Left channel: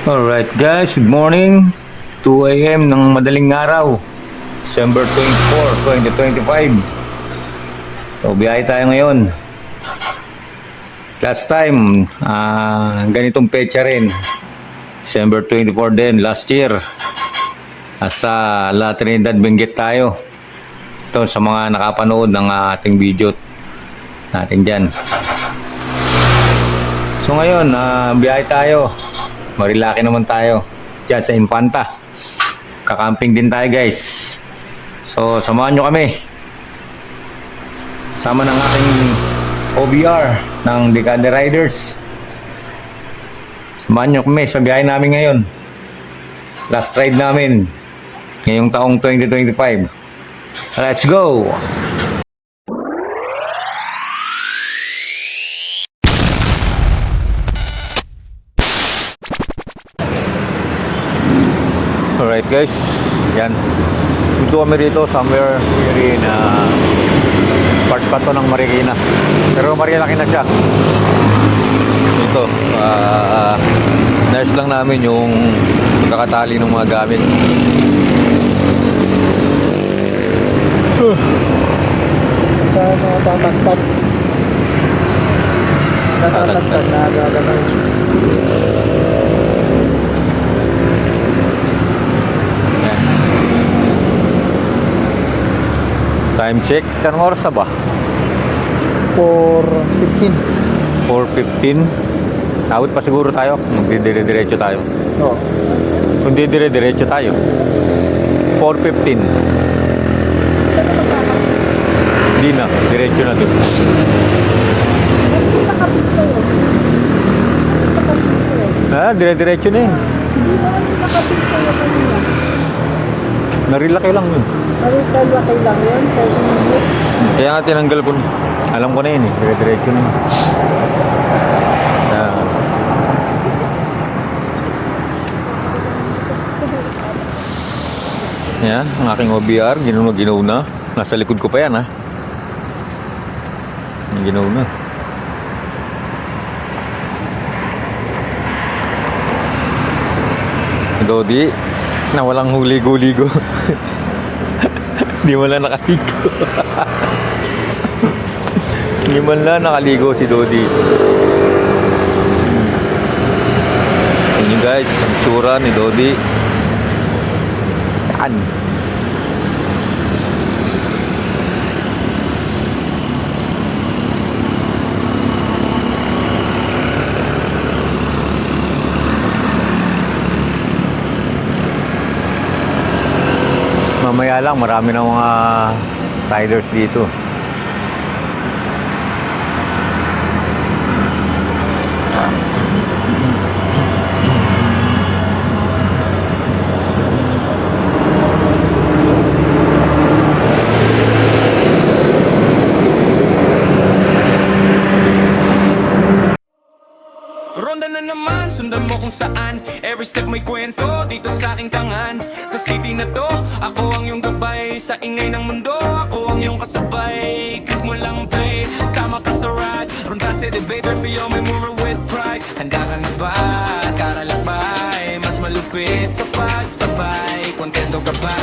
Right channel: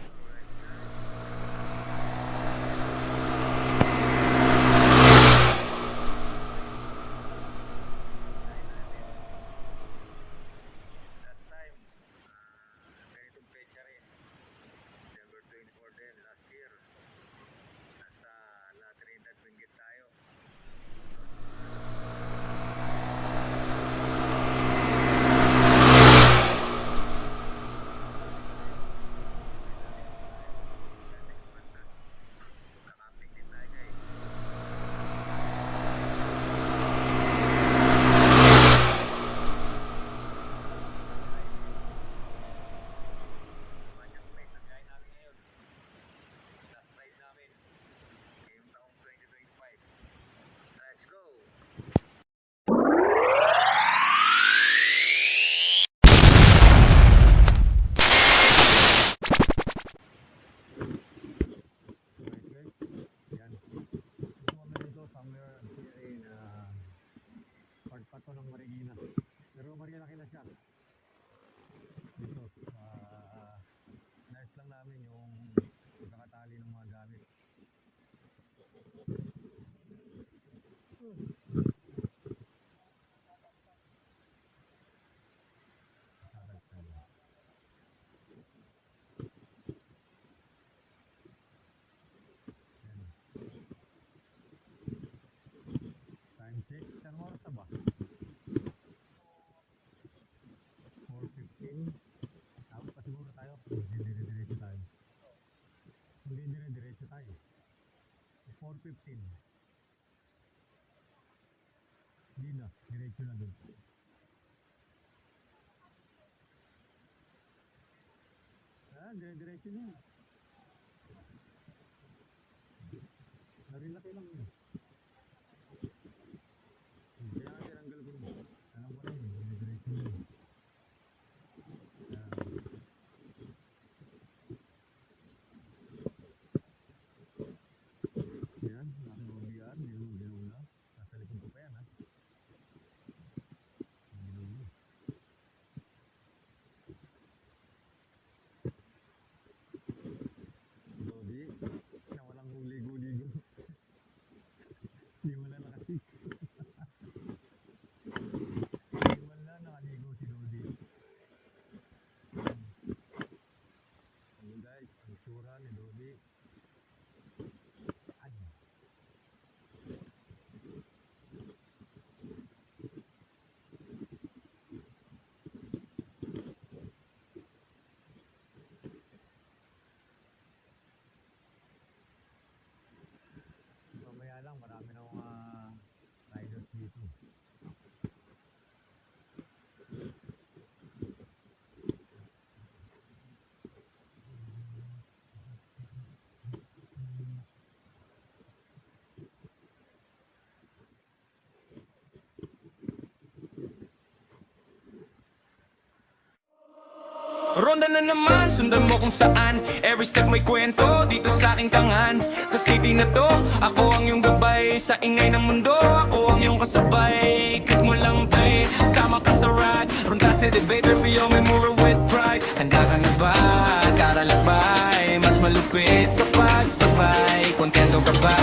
Alright guys, good morning. 2 AM ng madaling araw, December 24, 2025. So biyahe tayo ngayon. Last time, ganitong petsa rin, December 24 din, last year. Sa La Trinidad, Benguet tayo. Ito sa mga nakapanood ng ating video natin dyan. So ngayon, biyahe tayo. Marilaki naman tayo dyan sa Infanta. Kakamping din tayo guys. So samahan nyo kami. Sama ng ating OBR ng Decade Riders. Samahan nyo kami sa biyahe namin ngayon. Last ride namin ngayong taong 2025. Let's go! Alright guys, yan. Dito kami rito somewhere here in part pa to ng Marikina. Pero Marilaki na siya. Ito, nurse lang namin yung kakatali ng mga gamit. Tataktak. Tataktak na gagawin. Time check, kanong oras na ba? 4:15. 4:15. Awit pa siguro tayo, magdidire-diretso tayo. Oo. Kung didire-diretso tayo, 4:15. Hindi na, diretso na dito. Nakapit sa'yo. Nakapit sa'yo. Dire-diretso na yun. Hindi mo nakapit sa'yo kanina. Narilaki lang yun. Anong kalaki lang yun? 30 minutes. Kaya nga tinanggal ko. Alam ko na yun eh. Dire-diretso na yun. Yan, ang aking OBR. Ginaw na. Nasa likod ko pa yan ha. Ginaw na. Dodi, na walang huligo-ligo. Hindi mo lang nakaligo. Hindi mo lang nakaligo si Dodi. Yun yun guys, ang tsura ni Dodi. Yan. Mamaya lang, marami ng mga riders dito. Ronda na naman, sundan mo kung saan. Every step may kwento, dito sa aking tangan. Sa city na to, ako ang iyong gabay. Sa ingay ng mundo, ako ang iyong kasabay. Click mo lang play, sama ka sa ride. Ronda sa debater, beyond my mover with pride. Handa ka na ba? Tara lakbay. Mas malupit kapag sabay. Kontento ka ba?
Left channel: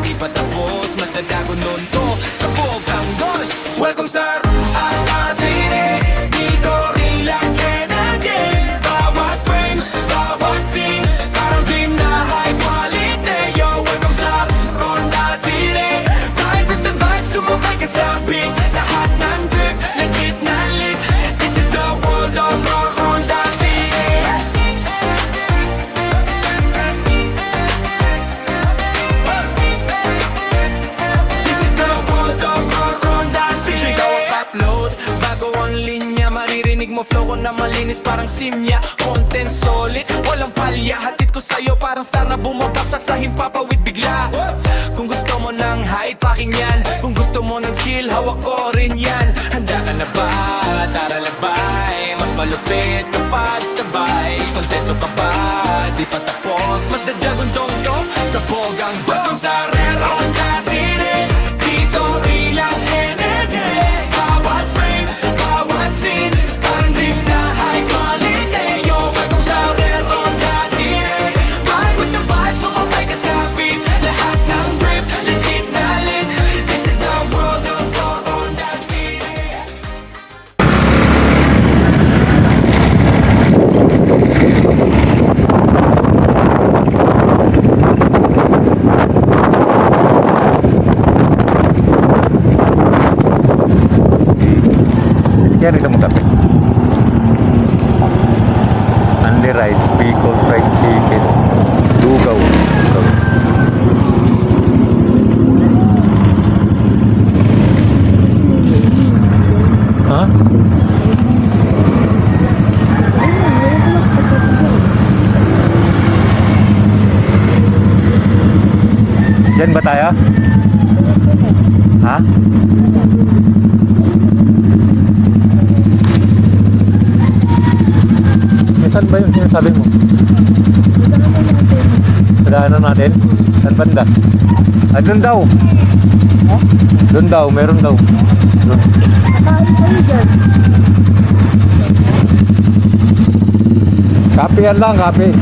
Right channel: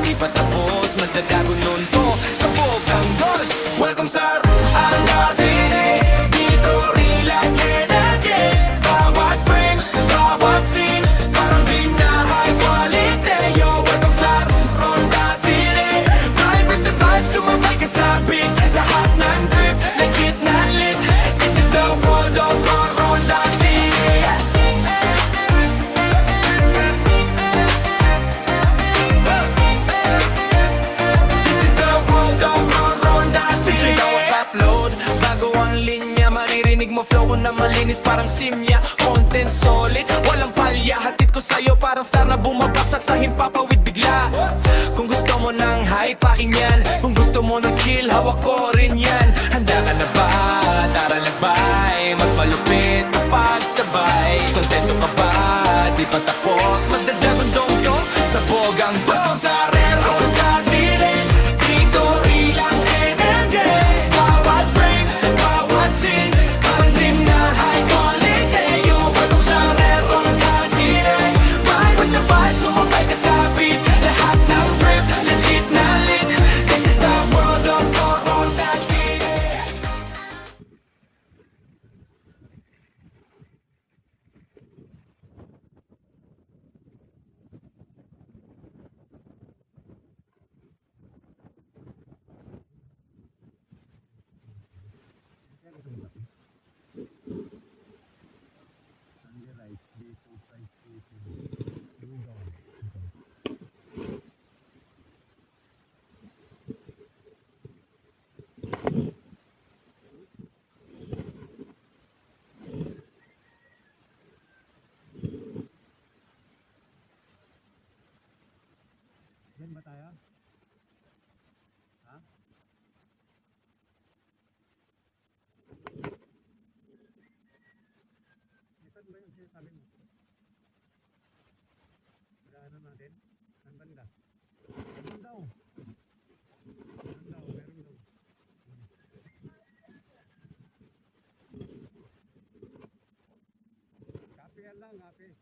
Di pa tapos, mas dadago nun to. Sabog ang dos. Welcome sa Ala City. Dito relax energy. Bawat frames, bawat scenes, parang dream na high quality. Yo, welcome sa Ronda City. Ride with the vibe, sumabay ka sa beat. Lahat ng grip, legit na lit. This is the world of Ronda City. This is the world of Ronda City. Check out upload, bago ang linya. Maririnig mo flow ko na malinis parang simya. Content solid, walang palya. Hatid ko sa'yo parang star na bumabaksak sa himpapawid bigla. Kung gusto mo ng high, pakinggan. Kung gusto mo ng chill, hawak ko rin yan. Handa ka na ba? Tara lagbay. Mas malupit kapag sabay. Kontento ka ba? Di pa tapos, mas dadagundong to. Sabog ang dog sa Ronda City. Dito real ang energy. Bawat frame, bawat scene, parang dream na high quality. Yo, welcome sa Ronda City. Bicol fried chicken. Lugaw. Ha? Diyan ba tayo? Ha? Saan ba yung sinasabi mo? Padaanan natin? Saan banda? Ah, doon daw. Doon daw, meron daw. Doon. Nakain kayo dyan. Kape yan lang, kape.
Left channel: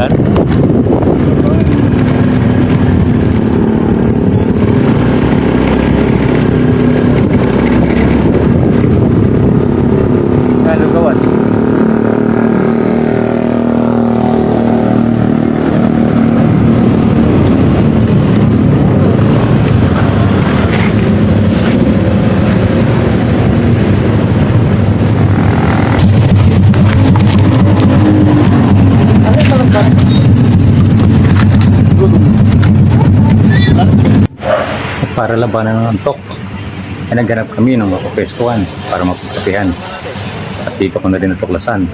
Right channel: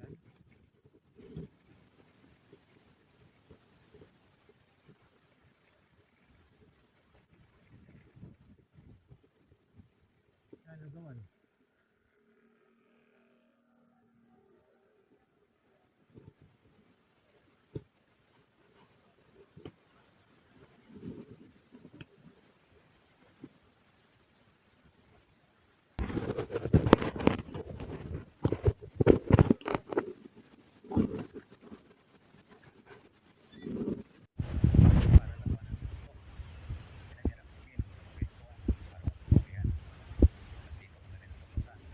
Yan. Yan, lugawan. Ano yung malambot? Para labanan ng antok, ay naghanap kami ng mapapwestuhan para mapagkapihan. At dito ko na rin natuklasan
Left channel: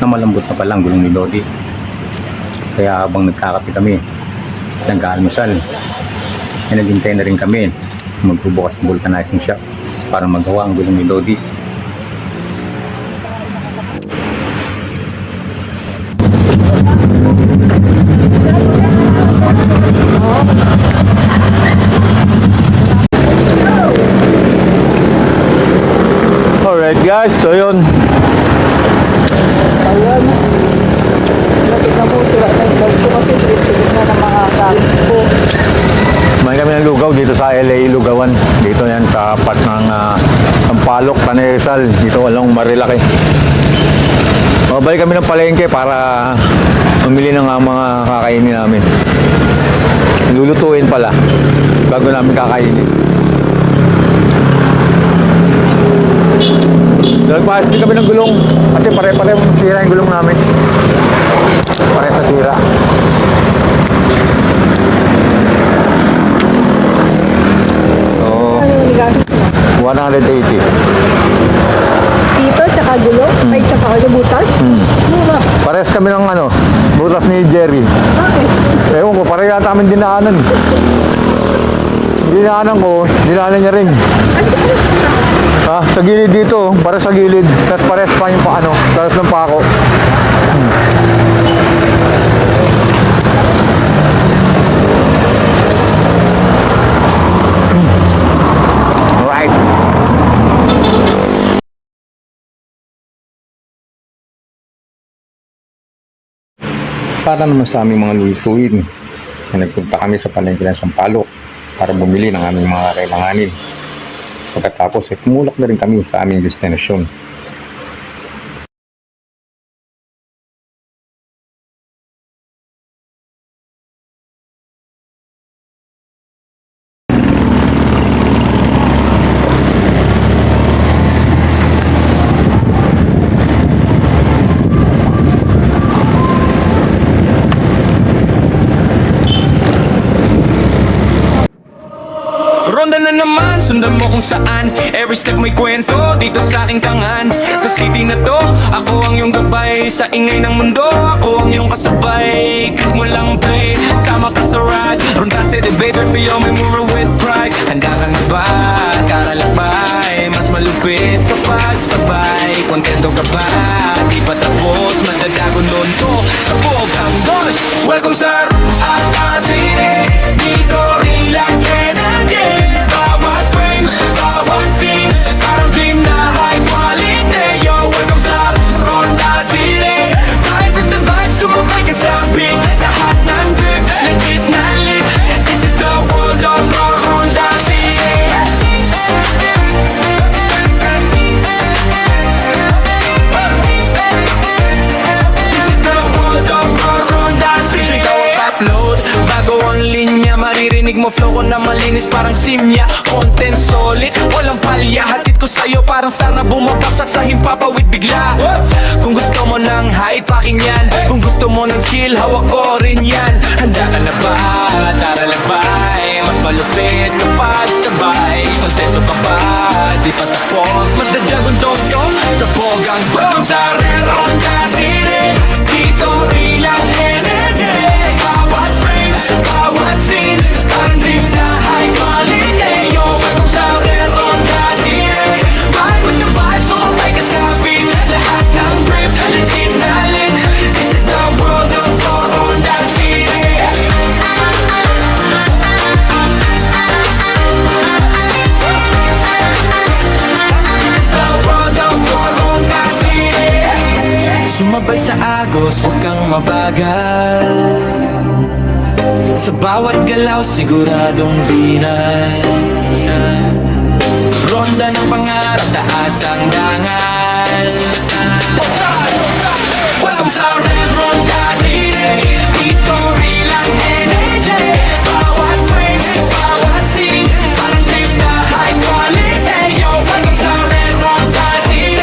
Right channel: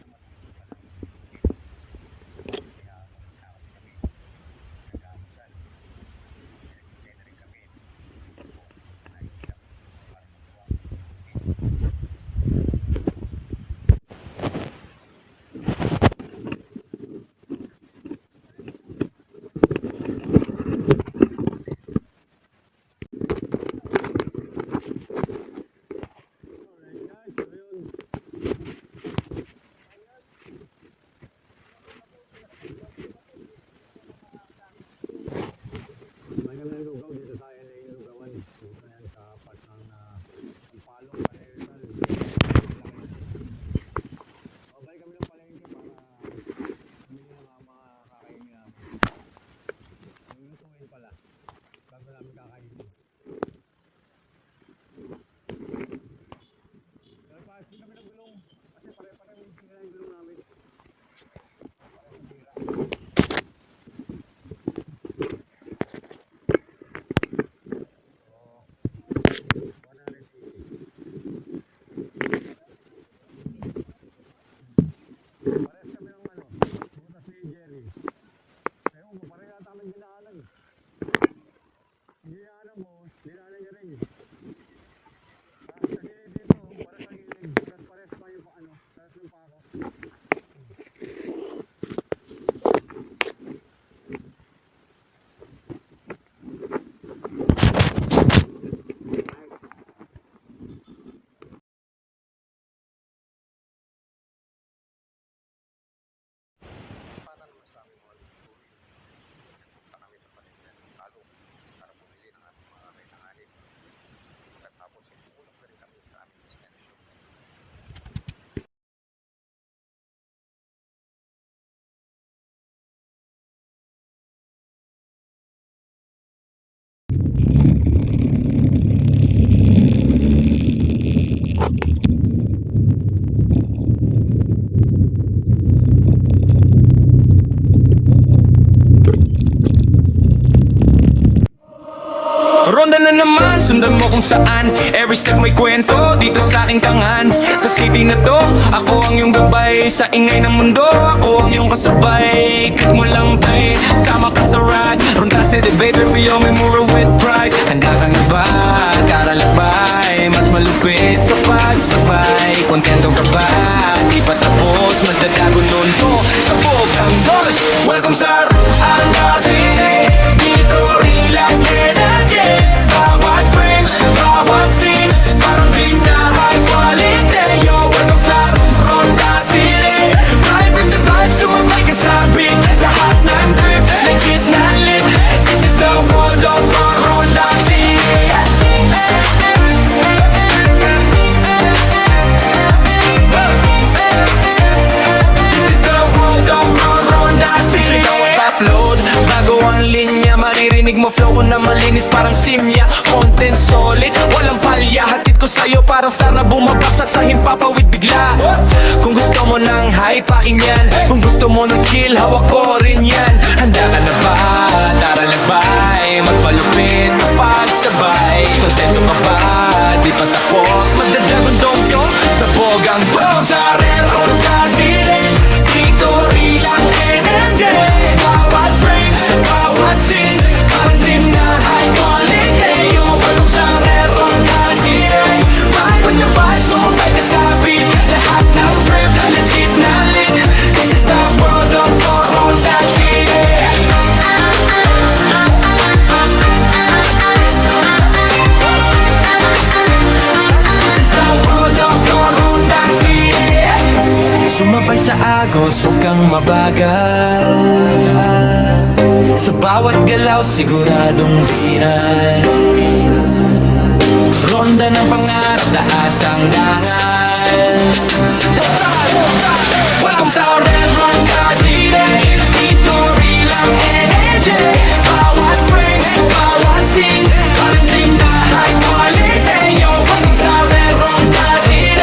na malambot na palang gulong ni Lodi. Kaya habang nagkakape kami, nag-aalmusal, ay naghintay na rin kami magbubukas ng vulcanizing shop para magawa ang gulong ni Lodi. Alright guys, so yun. Ayun. Nakita mo sila na yung bag ko kasi silip-silip na ng mga gamit ko. May kami ng lugaw dito sa LA Lugawan. Dito yan sa part ng Sampaloc, Tanay Rizal. Dito along Marilaki. Mabalik kami ng palengke para mamili ng mga kakainin namin. Lulutuin pala bago namin kakainin. Nagpaas din kami ng gulong kasi pare-pare sira yung gulong namin. Pare sa sira. So, Ano yung nigamit mo? 180. Pito, tsaka gulong? Ay, tsaka ano, butas? Mura. Pares kami ng butas ni Jerry. Bakit? Ewan ko, pare yata amin dinaanan. Dinaanan ko, dinaanan niya rin. Ha, sa gilid dito, para sa gilid. Tapos pares pa yung talas ng pako. Alright. Para naman sa aming mga lulutuin, nagpunta kami sa palengke ng Sampaloc para bumili ng aming mga kailanganin. Pagkatapos ay tumulak na rin kami sa aming destinasyon. Ronda na naman, sundan mo kung saan. Every step may kwento, dito sa aking tangan. Sa city na to, ako ang iyong gabay. Sa ingay ng mundo, ako ang iyong kasabay. Click mo lang play, sama ka sa ride. Ronda sa debate, beyond may mura with pride. Handa ka na ba, karalakbay? Mas malupit kapag sabay. Kontento ka ba, di pa tapos. Mas dadago nun to, sabog ang dos. Welcome sa Alcacine, dito relax energy. Bawat frames, Pagdinig mo flow ko na malinis parang simya. Content solid, walang palya. Hatid ko sa'yo parang star na bumabaksak sa himpapawid bigla. Kung gusto mo ng hype, akin yan. Kung gusto mo ng chill, hawak ko rin yan. Handa ka na ba? Tara lagbay. Mas malupit kapag sabay. Kontento ka ba? Di pa tapos. Mas dadyagong dong to sa bogang bang. Sa Ronda City, dito rilang energy. Bawat frame, bawat scene, parang dream na high quality. Yo, welcome sa Ronda City. Ride with the vibes, sumabay ka sa beat. Lahat ng drip, legit na lit. This is the world of Ronda City. This is the world of Ronda City. Sumabay sa agos, huwag kang mabagal. Sa bawat galaw, siguradong viral. Ronda ng pangarap, taas ang dangal. Welcome sa Red Ronda City. Dito rilang energy. Bawat frames, bawat scenes, parang dream na high quality. Yo, welcome sa Red Ronda City.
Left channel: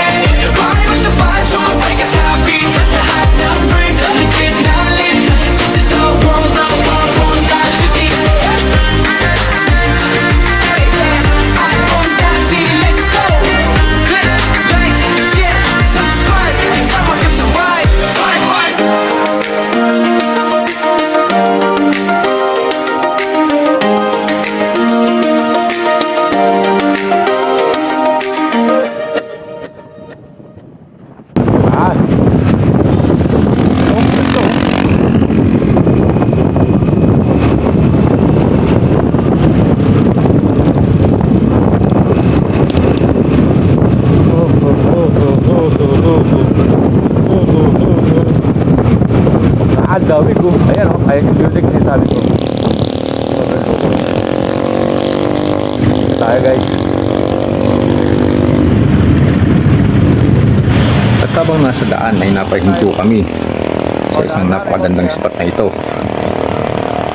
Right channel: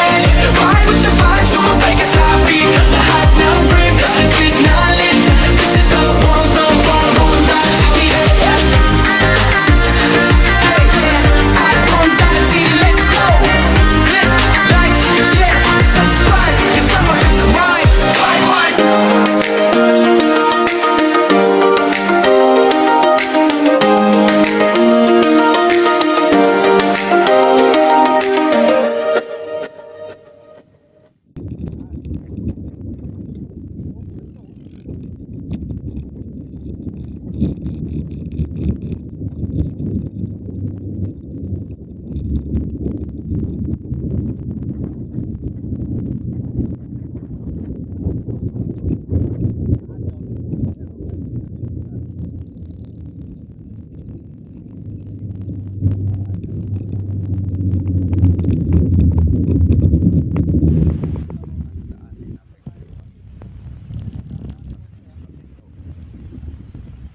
Ride with the vibes, sumabay ka sa beat. Lahat ng dream, legit na lit. This is the world of Ronda City. Hey, at Ronda City, let's go. Click, like, share, subscribe. Kasama ka sa ride. Ang sabi ko, ayan o, ayan yung building sinasabi ko. Tayo guys. At habang nasa daan ay napahinto kami sa isang napakagandang spot na ito,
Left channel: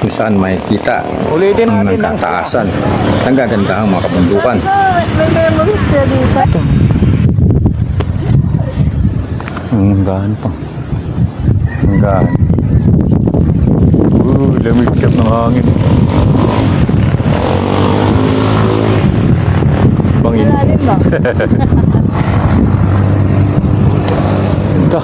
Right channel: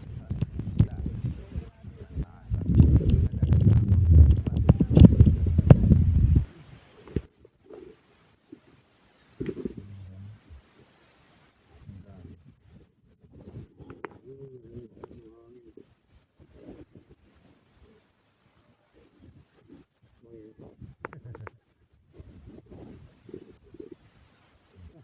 kung saan makikita Ulitin ang natin ang nagkataasan ng gagandahang mga kabundukan. may memories siya dito. Ang gaan pa. Ang gaan. Lamig siyap ng hangin. Bangin. Lalim ba? Ganda.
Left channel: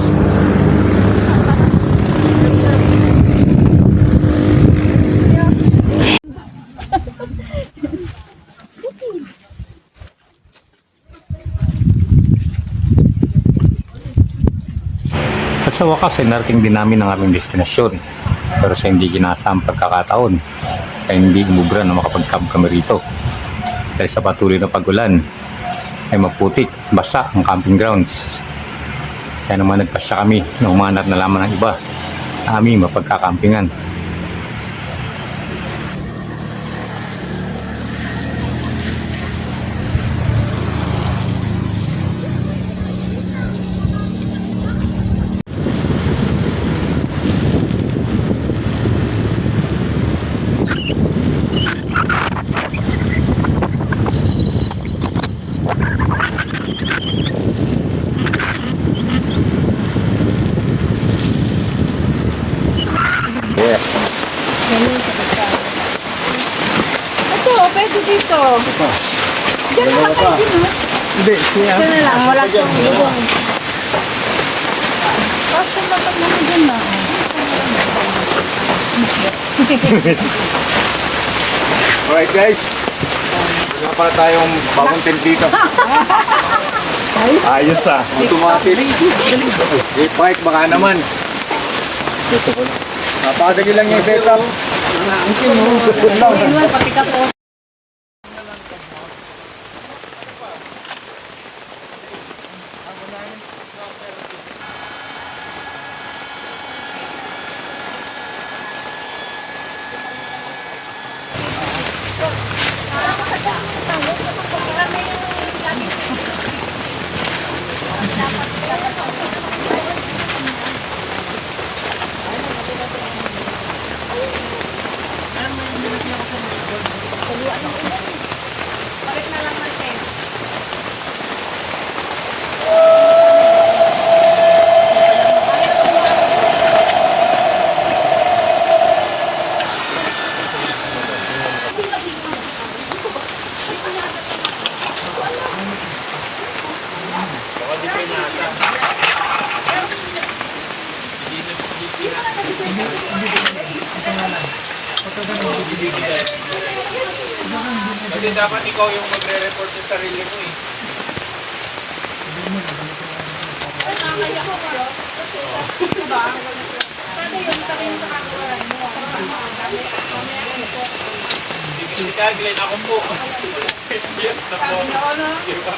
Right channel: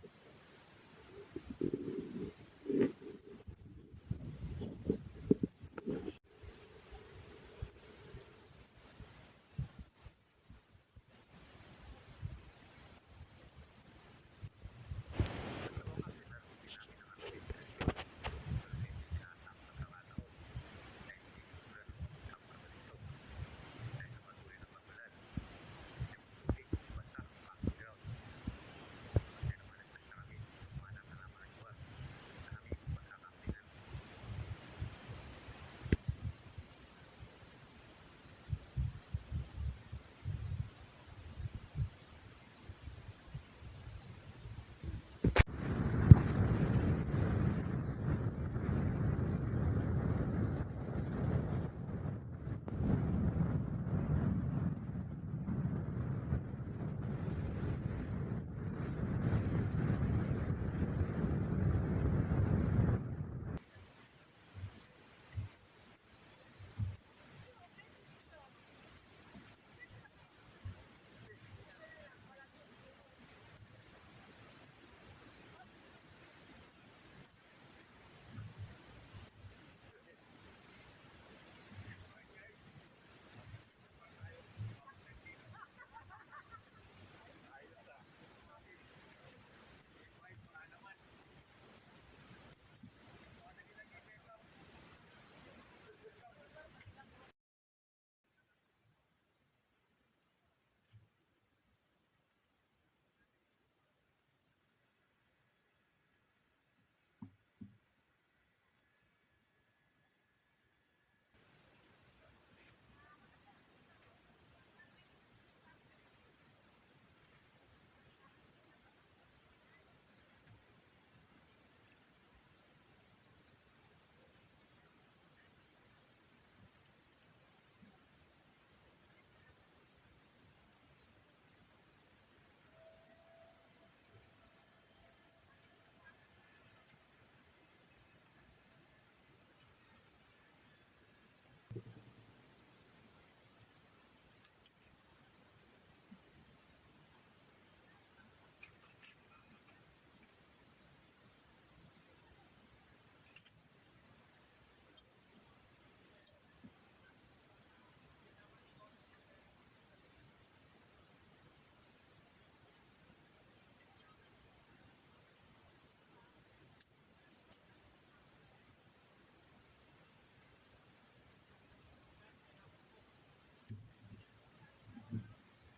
At sa wakas ay narating din namin ang aming destinasyon. Pero sa hindi ginasang pagkakataon ay hindi umubra na makapag-camp kami rito. Dahil sa patuloy na pag-ulan ay maputik, basa ang camping grounds. Kaya naman nagpasya kami na umanap na lamang ng iba na aming mapagkakampingan. Yes. Ito, pwede dito. Diyan na lang kayo din, ha? Hindi, siya. Diyan na lang, wala siyang lubong. Basta matag mo dyan na. Alright guys. Wala pa tayong bagong tent dito. Ayos ah. Automatic. I-park baka naman. Napakadali lang yung setup. Pati ka po. Kasi dapat ikaw yung magre-report sa sarili mo eh. Si Glenn, ako po. Yes, na po. Diba?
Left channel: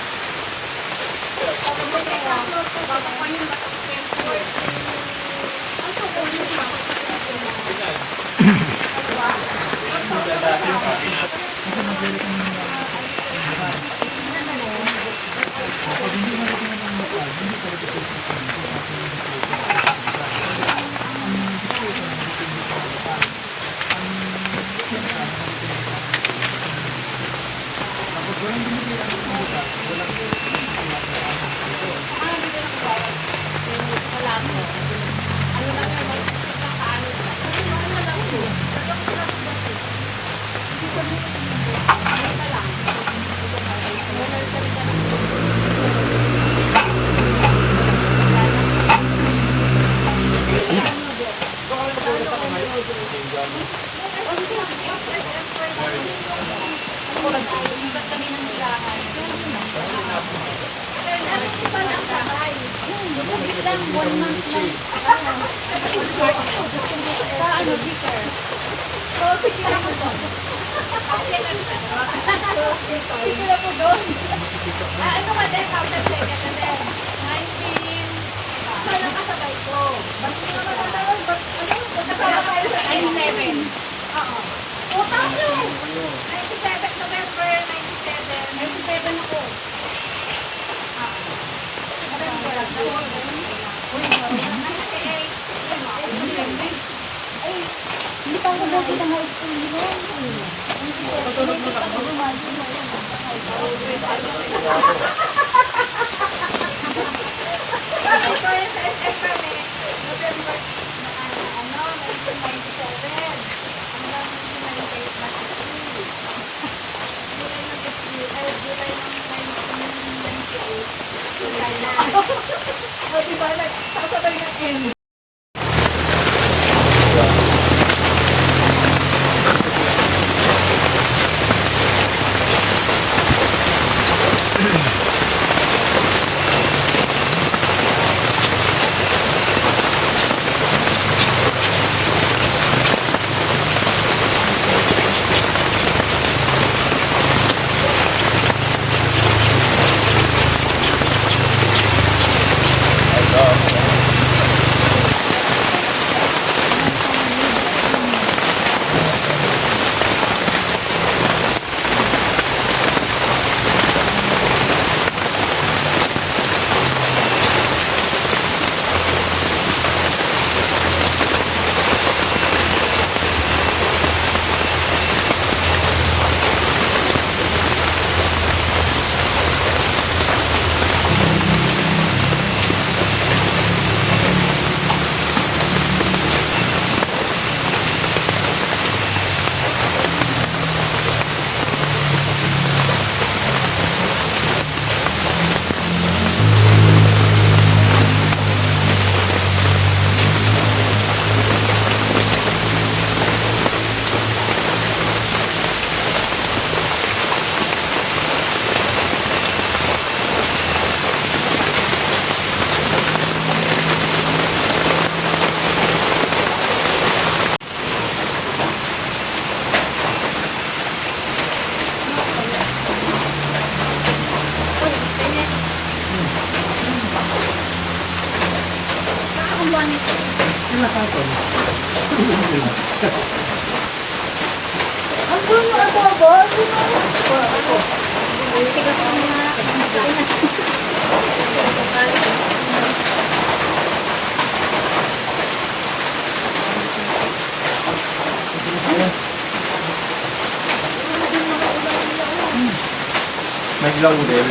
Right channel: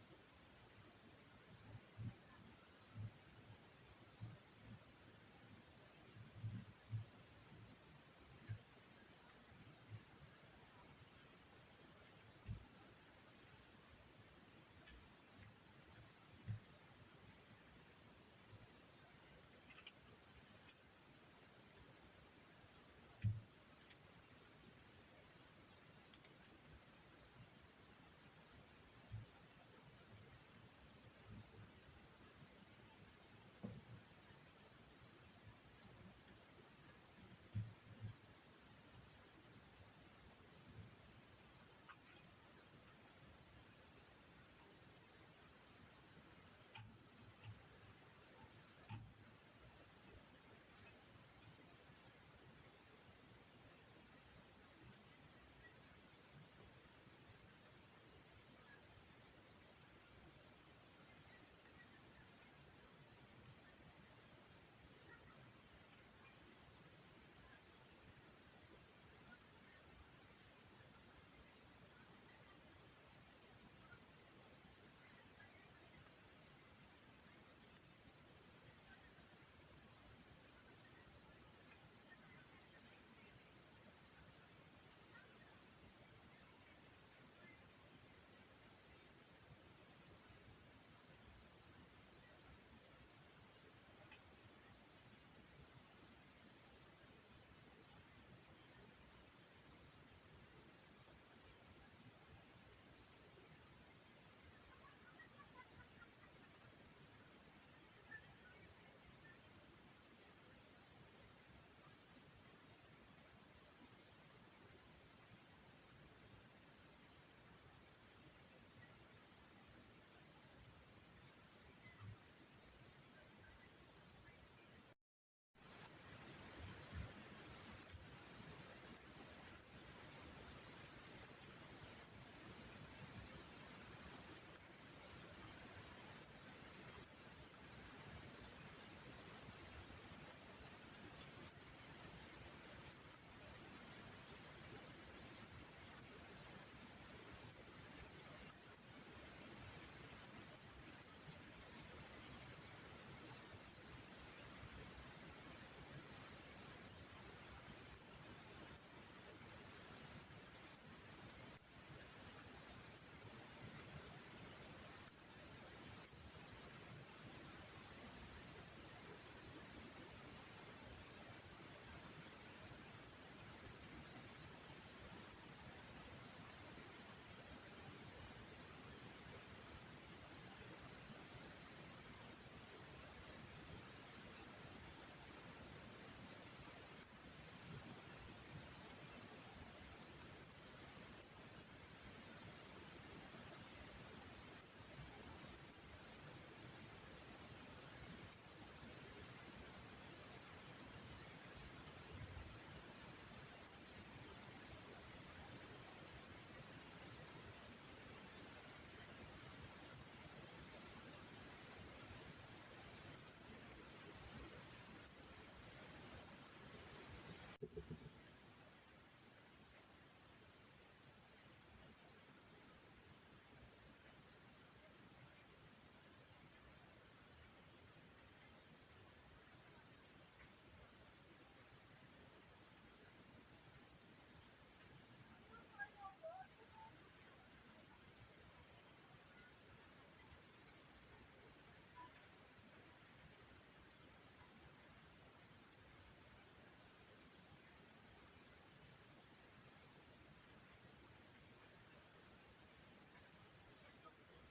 Naglaw din.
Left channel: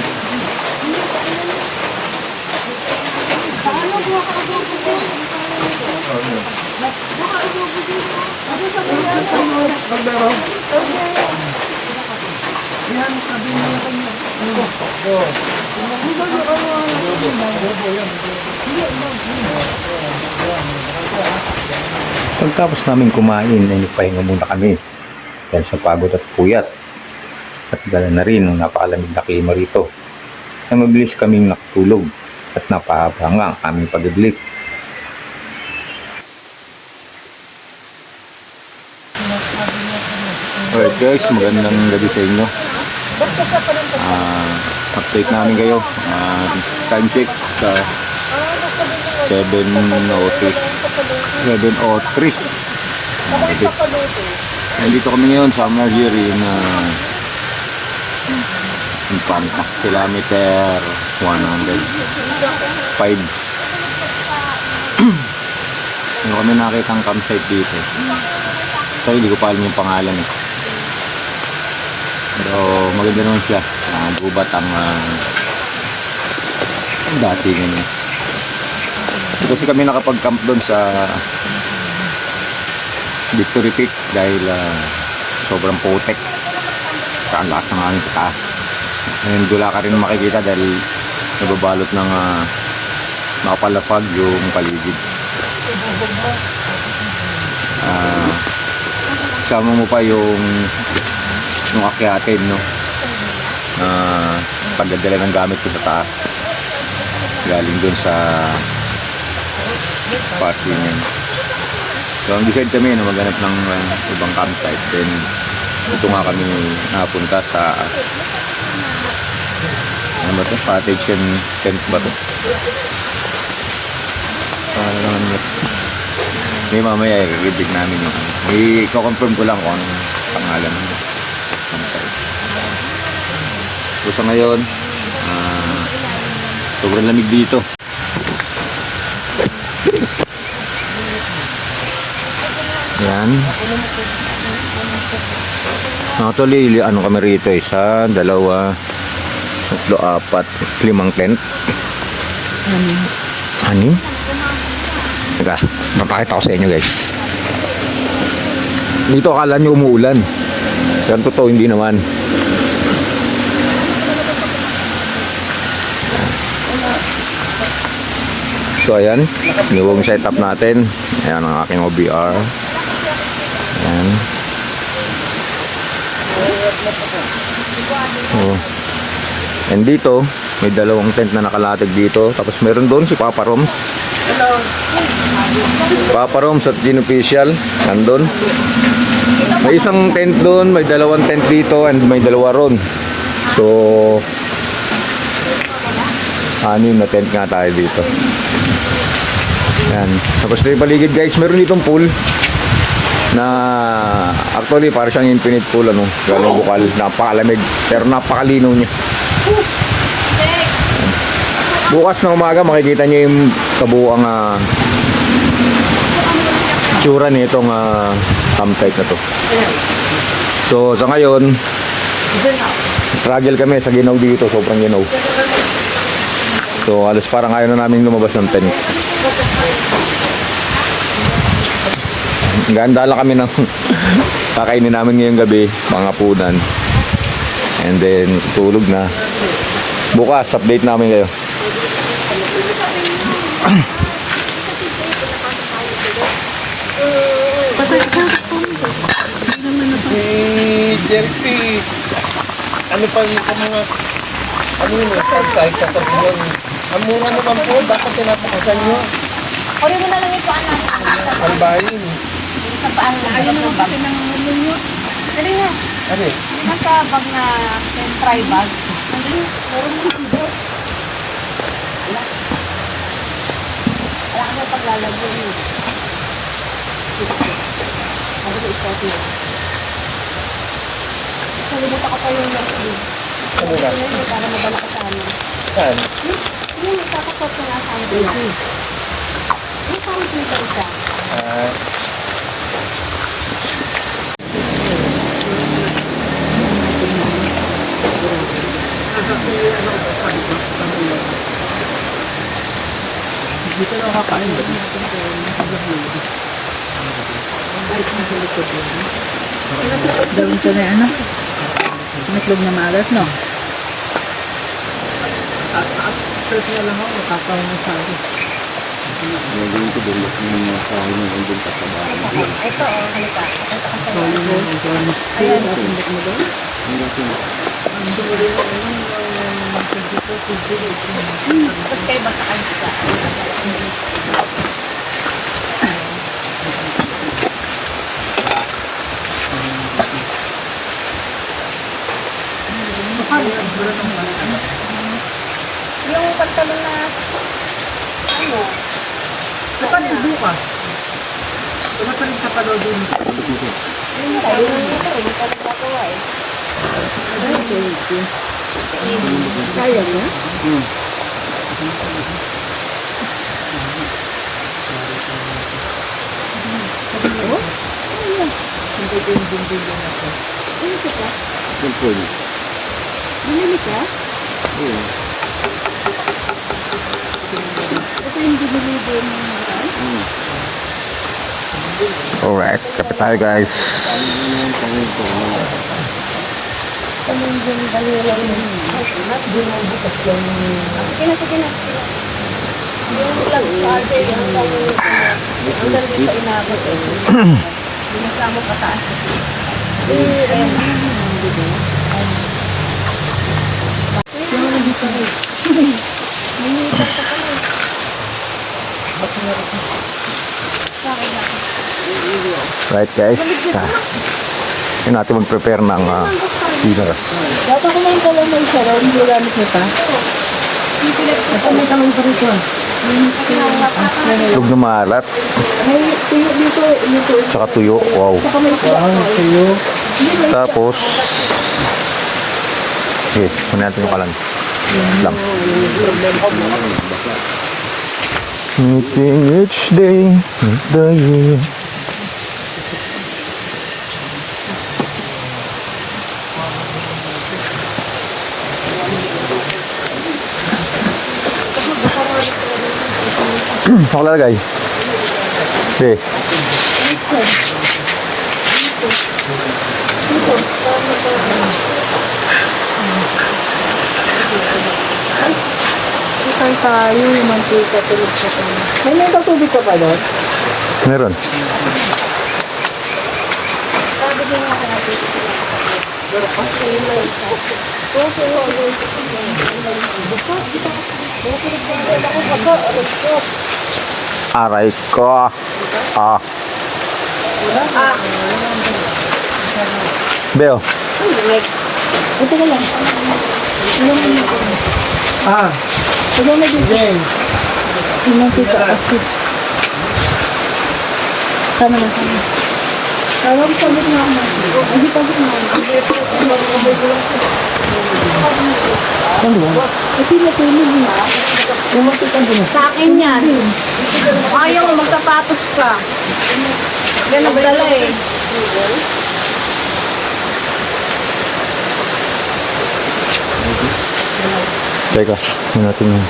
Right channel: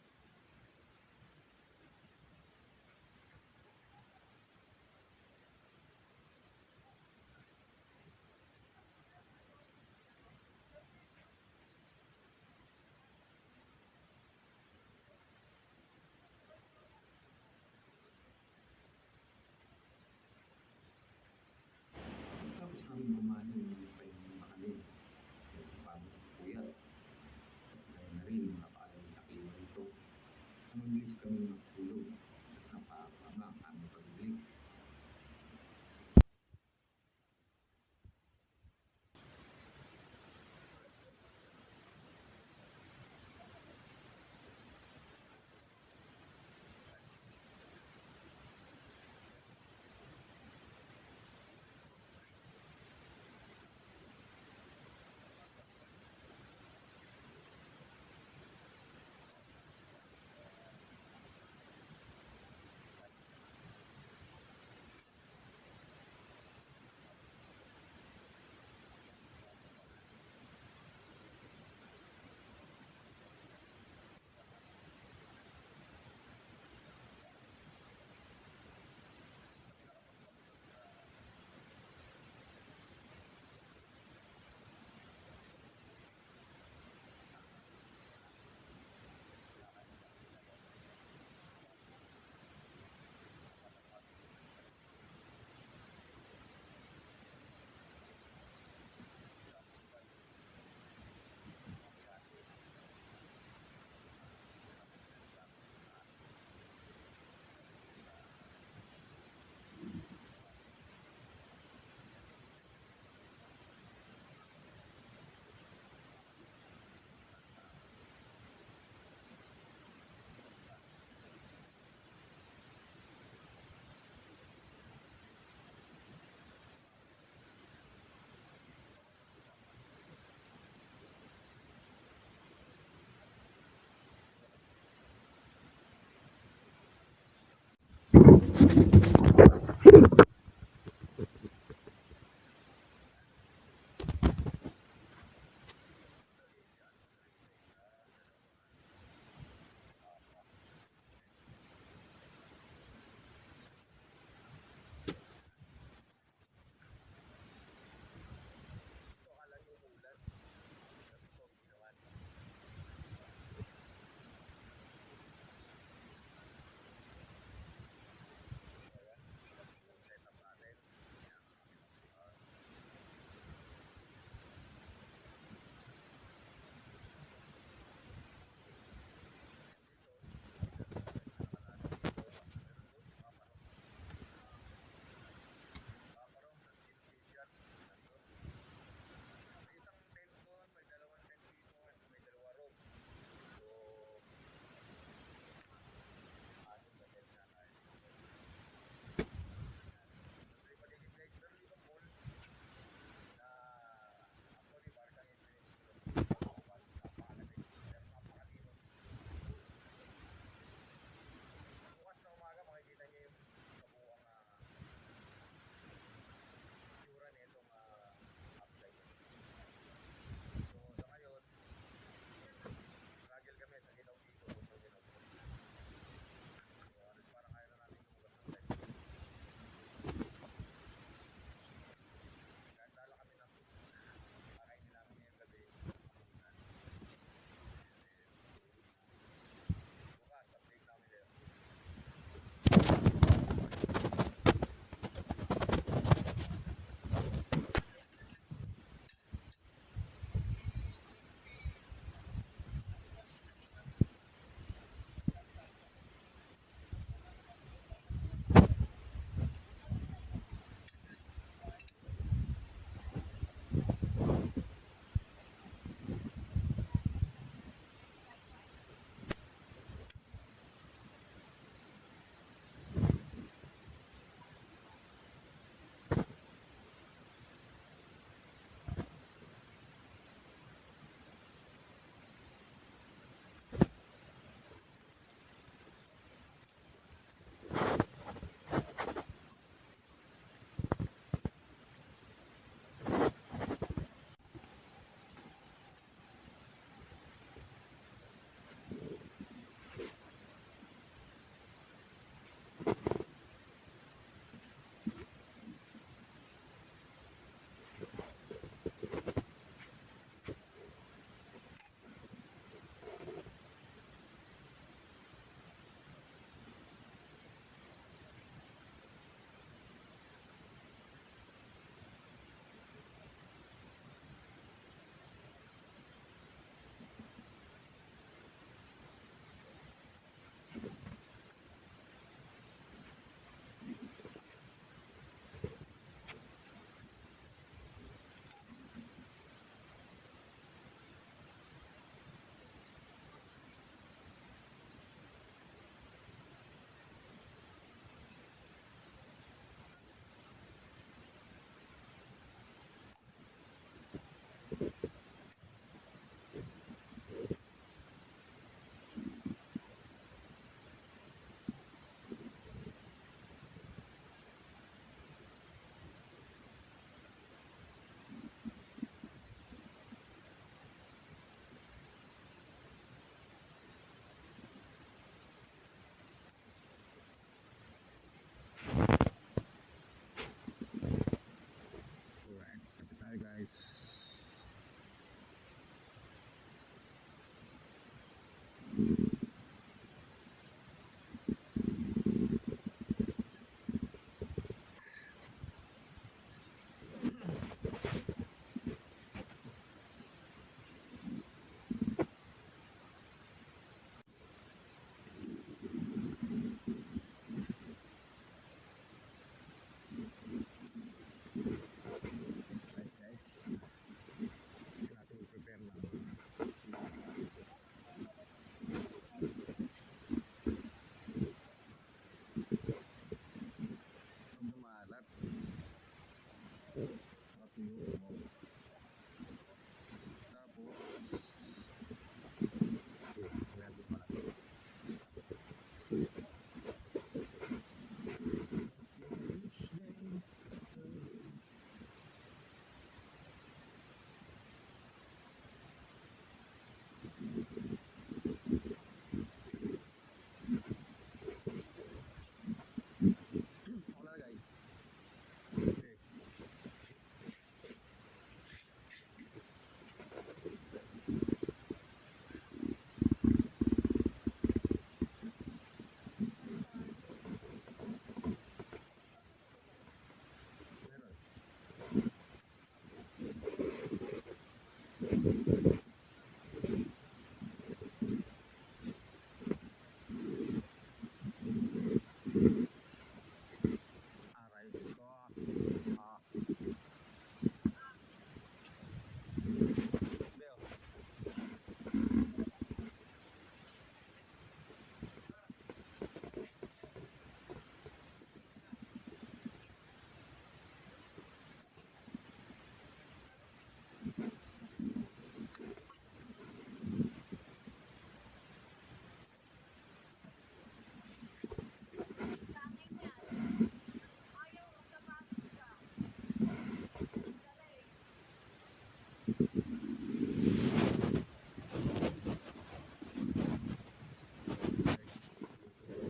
Pagtapos namin kumain, ay nagpahinga muna kami. dahil sa pagod at puyat. At dala na rin ang napakalamig na klima rito. Ay mabilis kaming nakatulog at napahaba nga ang aming pag-idlip. Alright guys, magandang gabi sa inyo. Update namin kayo. Time check sa 7:03. Nandito kami ngayon sa Marjorie na Infanta, kilometer 105. Ano kami nakita ang campsite dito. Sorry, hindi ko pa alam yung pangalan eh. Pero maganda naman siya. Gubat ang datingan niya. Kasi kami nakapag-camp doon sa Victory Peak dahil sobrang putek. Saan lakas ng hangin sa taas. Ngayon dula ka rin makikita dahil nababalot ng makapalapag yung paligid. Sama mo pa yung akyatin, no? Pagdadala ng gamit ko sa taas galing dun sa parking yan. So ang decide kami na maghanap ng ibang campsite, then ito nga kami napunta sa ano ba ito? Cottage and tent ba ito? Ano naman ito? May mamaya i-review namin yung i-confirm ko lang kung anong pangalan ng campsite. So sa ngayon sobrang lamig dito. Yan. Actually, ano kami rito? Isa, dalawa, tatlo, apat, 5 tent. Anim? Teka, mapakita ko sa inyo guys. Dito akala nyo umuulan. Pero totoo, hindi naman. So ayan, yung setup natin. Ayan ang aking OBR. Ayan. Oh. And dito, may 2 tent na nakalatag dito. Tapos meron doon si Papa Roms. Papa Roms at Gin Official. Nandun. May isang tent doon, may 2 tent dito, and may 2 ron. So, 6 na tent nga tayo dito. Yan. Tapos may paligid guys, meron ditong pool na actually para siyang infinite pool, ano, galong bukal, napakalamig pero napakalinaw niya. Bukas na umaga makikita niyo yung kabuuang tsura nitong campsite na to. So sa ngayon struggle kami sa ginaw dito, sobrang ginaw. So halos parang ayaw na namin lumabas ng tent. Ganda lang kami ng kakainin namin ngayong gabi, mga punan. And then tulog na. Bukas update namin kayo. Si Jerpy, ano pa yung mga ano yun, campsite sa Sabiyon. Ang mura naman po, dapat tinapakasan nyo. Uri mo na lang yung paan natin. Albayin. Sa paan na. Ayaw naman kasi ng ninyo. Dali na. Ano eh? Nasa bag na try bag. Dali na. Puro mo dito. Wala ka na paglalagyan yun. Ano ba ito ito? Kalimutan ka pa yung nasa. Ano na? Para mabala ka sa amin. Saan? Yung nagkakapot ka nga sa amin. Yung parang dito isa. Dito lang kakain ba? Gawin ko na yung ano? Metlog na maalat, no? At search na lang ako, nakakaw mo sa akin. Ito, oh, halika. Pakita ka sa ayan, oh. Tapos kayo basta kayo sa yung pantalon na ano? Kapatid bukas. Kapatid ka pa daw din. Yung tayo, yung tayo nagkakawa eh. Kaya na? Bumili ka? Ito yung binili din ng Alright, kapit tayo guys. Sige na, sige na. Yung lang parte, yung hanggang din sa inabot eh. Binasama pataas na. Minita ka pala eh. Right guys. Yun natin mag-prepare ng dinner. Dapat ko ngayon pala may sarong, hindi gamit nito. Ito may kamay pa rito. Lug na maalat. May tuyo dito, dito. Tsaka tuyo. Wow. Saka may tuyo. Tapos, okay, kunin natin yung kalan. Lang. Meeting each day of the year. Ako lalagay. Okay. Isang tayo, yung mantika, tulog sa kanya. May katubig ka pa doon? Meron. Aray ko. Ah. Beo. Ito ka lang. Ito na dito. Yung mantika, kasi. Tama na, tama. Tawag sa bit na ako. Hindi pa bit na ako. Ano ba? Kasi natulog na. Yung mantika din. Sa akin yan. Ayaw mo, magsapatos ka. Yan nagdala eh. Teka, yun natin yun.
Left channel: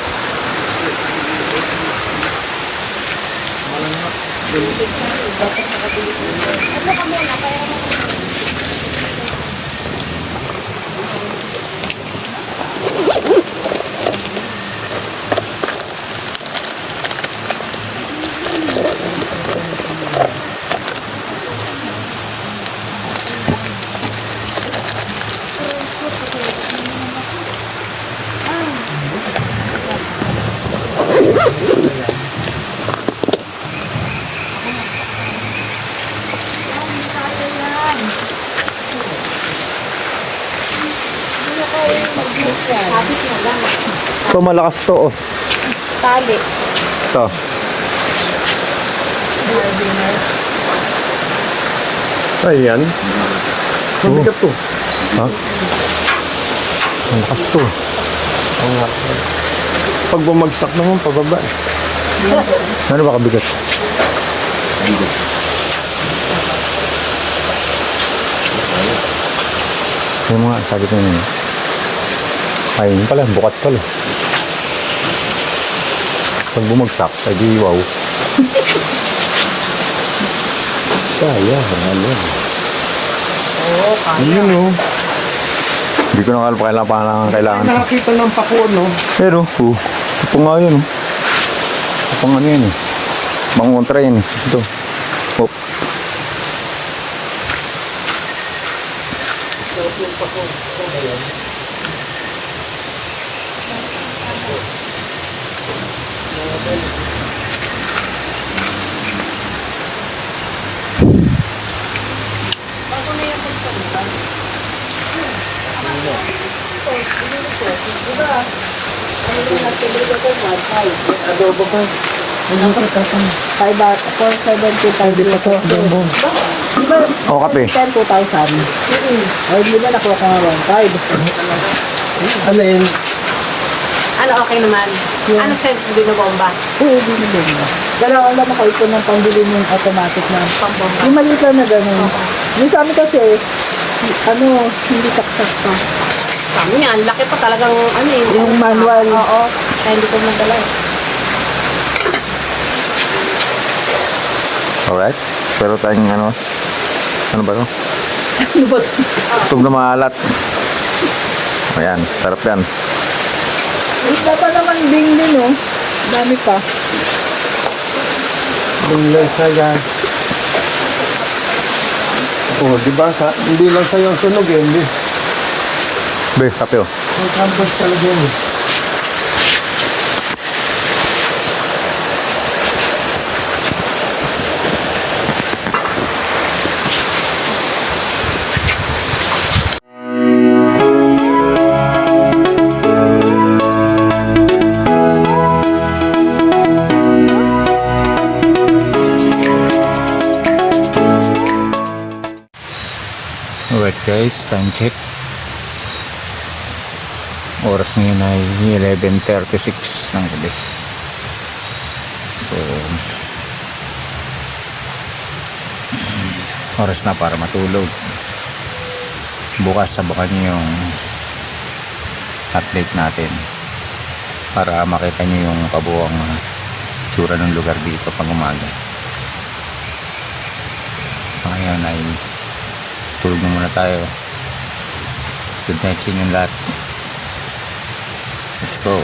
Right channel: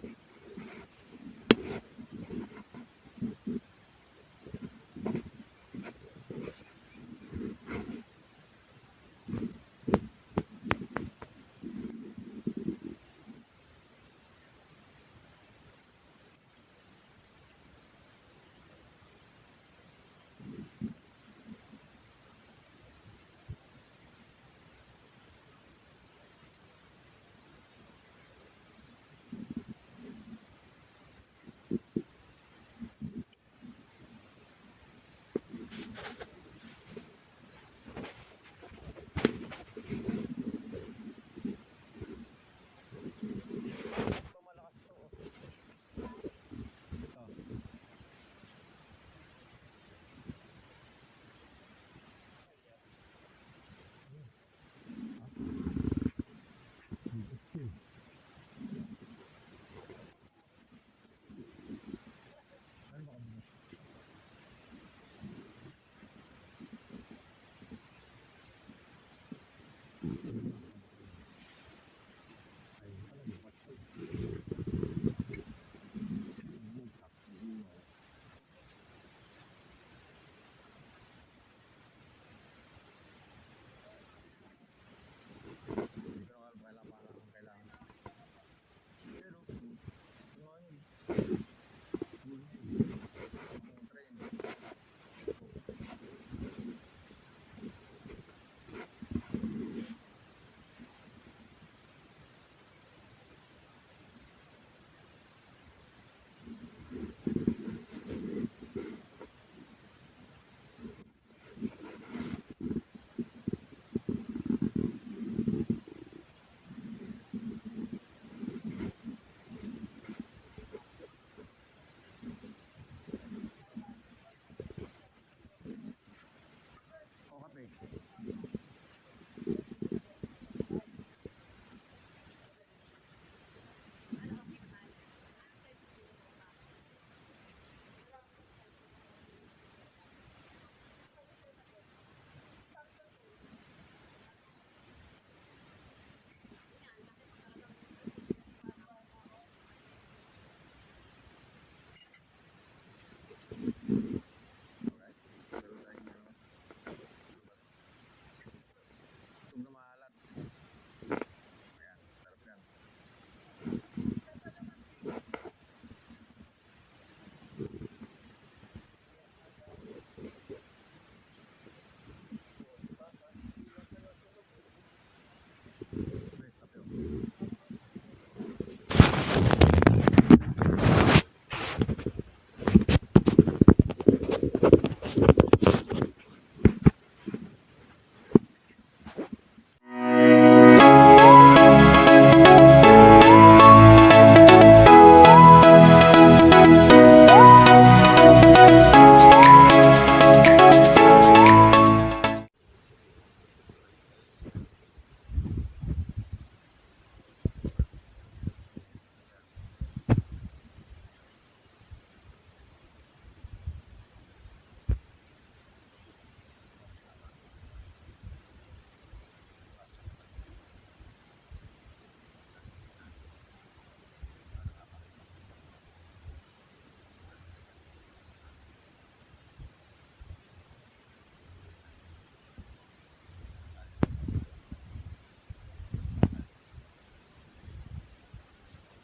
Sabit na lang. Ito malakas to oh. Tali. Ito. Ayan. Mabigat to. Ha? Malakas to. Pag bumagsak naman, pababa. Ano ba kabigat? Yung mga sabi ko yun. Ay, yun pala, bukat pala. Pag bumagsak, ay di wow. Sayang, ano. Oo, kaya. Yun o. Hindi ko na kailangan. Nakakita ng pako, no? Pero, ito nga yun. Ito nga ano yan eh. Bangon train. Ito. Hop. Bago na yung pagkakulan. Diba? Ano yung nagtibig ako? 1.5. Adobo ba? Ano ka tatang? 475 dito. Adobo. Diba? O, kape. 10, 2,000. Ay, di ba nakuha ka nga 1.5? Ano yun? Ano, okay naman? Ano sense din na bomba? Oo, di na din. Dalawa lang ako ito ng pambili ng automatic na. Pambomba. Yung maliit lang na gano'n. Yung sa amin kasi, hindi saksak pa. Sabi niya, ang laki pa talagang ano eh. Yung manual. Oo. Kaya hindi ko madala eh. Alright. Pero tayong ano ba to? Ano ba ito? Itog na maalat. Ayan, sarap yan. Isda pa naman ding din, oh. Dami pa. Binglan sa yan. Oh, di ba? Hindi lang sa'yo ang sunog eh. Hindi. Be, kape oh. May campus talaga yun eh. Alright guys, time check. Oras ngayon ay 11:36 ng gabi. So, oras na para matulog. Bukas sabakan niyo yung update natin para makita niyo yung kabuuang tsura ng lugar dito pag umaga. So ngayon ay tulog na muna tayo. Good night sa inyong lahat. Let's go.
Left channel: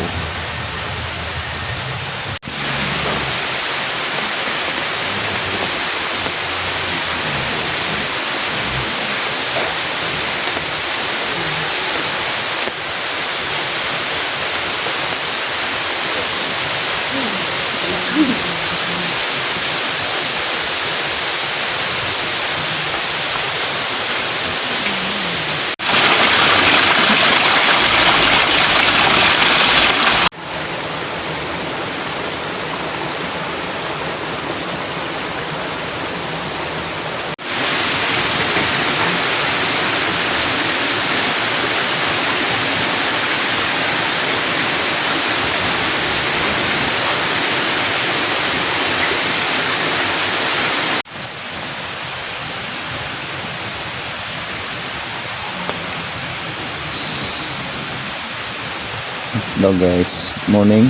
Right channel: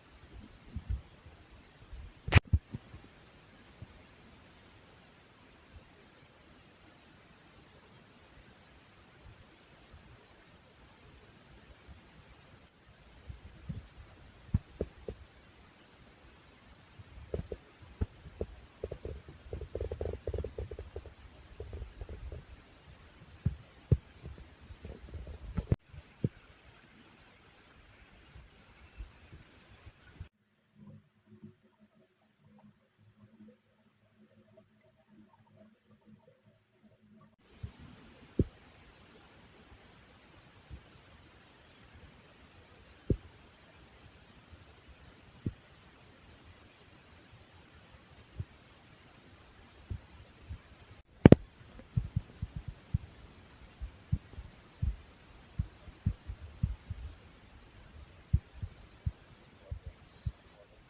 Hello guys, morning.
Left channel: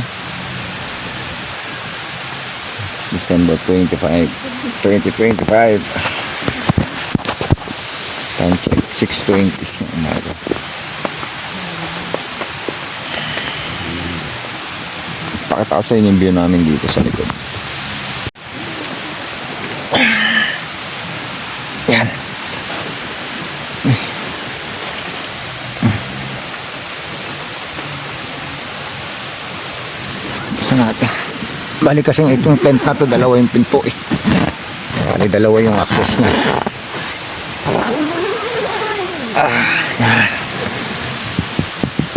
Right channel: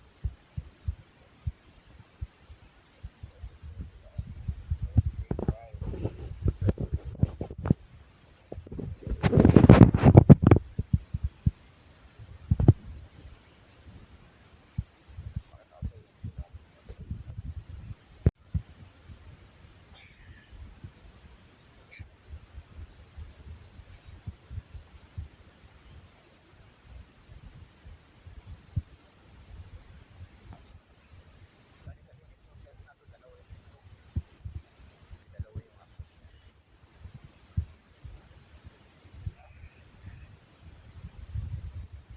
It's December 25, 2025. Time check 6:20. Pakita ko sa inyo yung view namin dito sa likod. Yan. Natin. Bali kasing itong tent na to, dalawa yung pinto eh. Bali dalawa yung access na. Yan.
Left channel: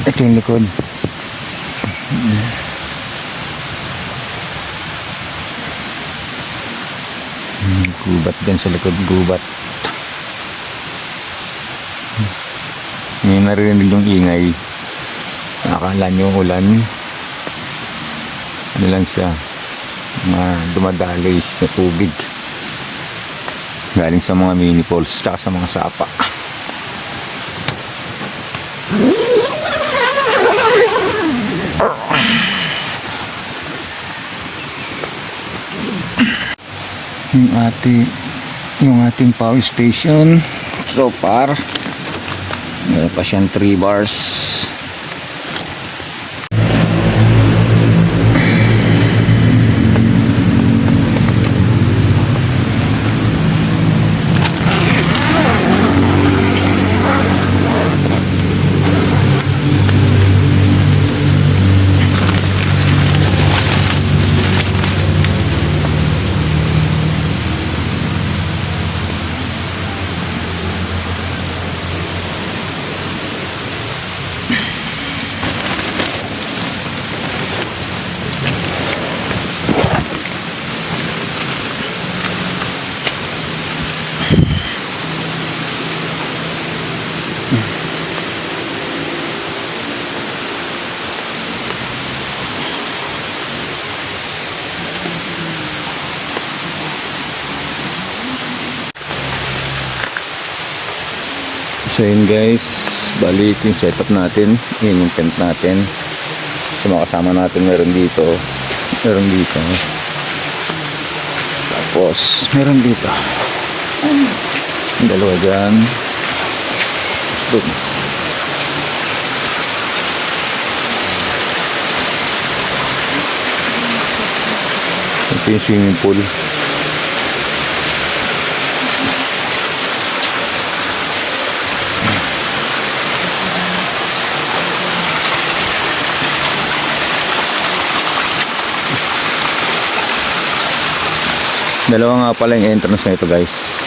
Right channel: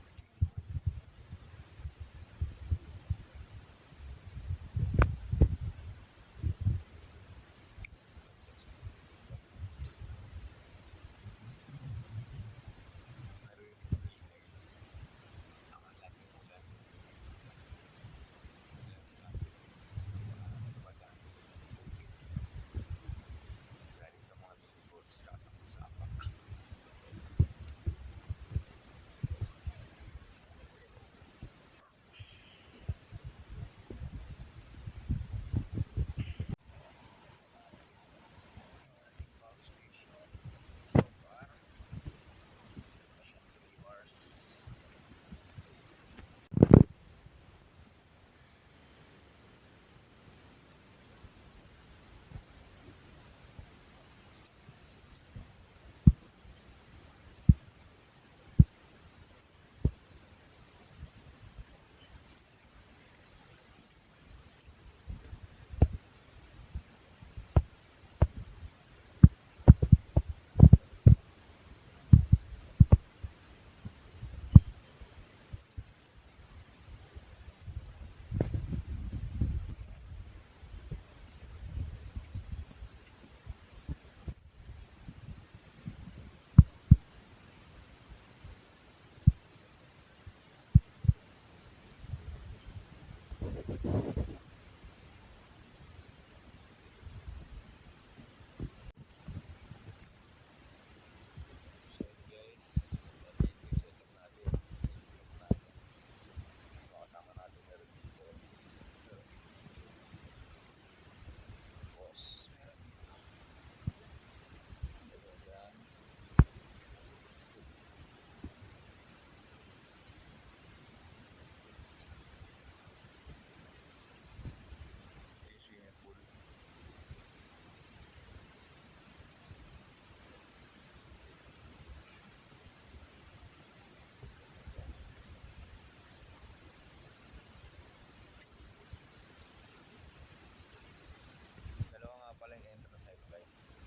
Ito yung likod. Gubat din sa likod, gubat. May narinig yung ingay. Nakakala nyo ulan. Ano lang siya, dumadaloy na tubig galing sa mga mini falls tsaka sa mga sapa. yung ating power station so far meron pa siyang 3 bars. So yun guys, bali ito yung setup natin. Yun yung tent natin. So mga kasama natin meron dito. Meron dito. Tapos meron dito. Yung dalawa dyan. Doon. Ito yung swimming pool. Dalawa nga pala yung entrance na ito guys.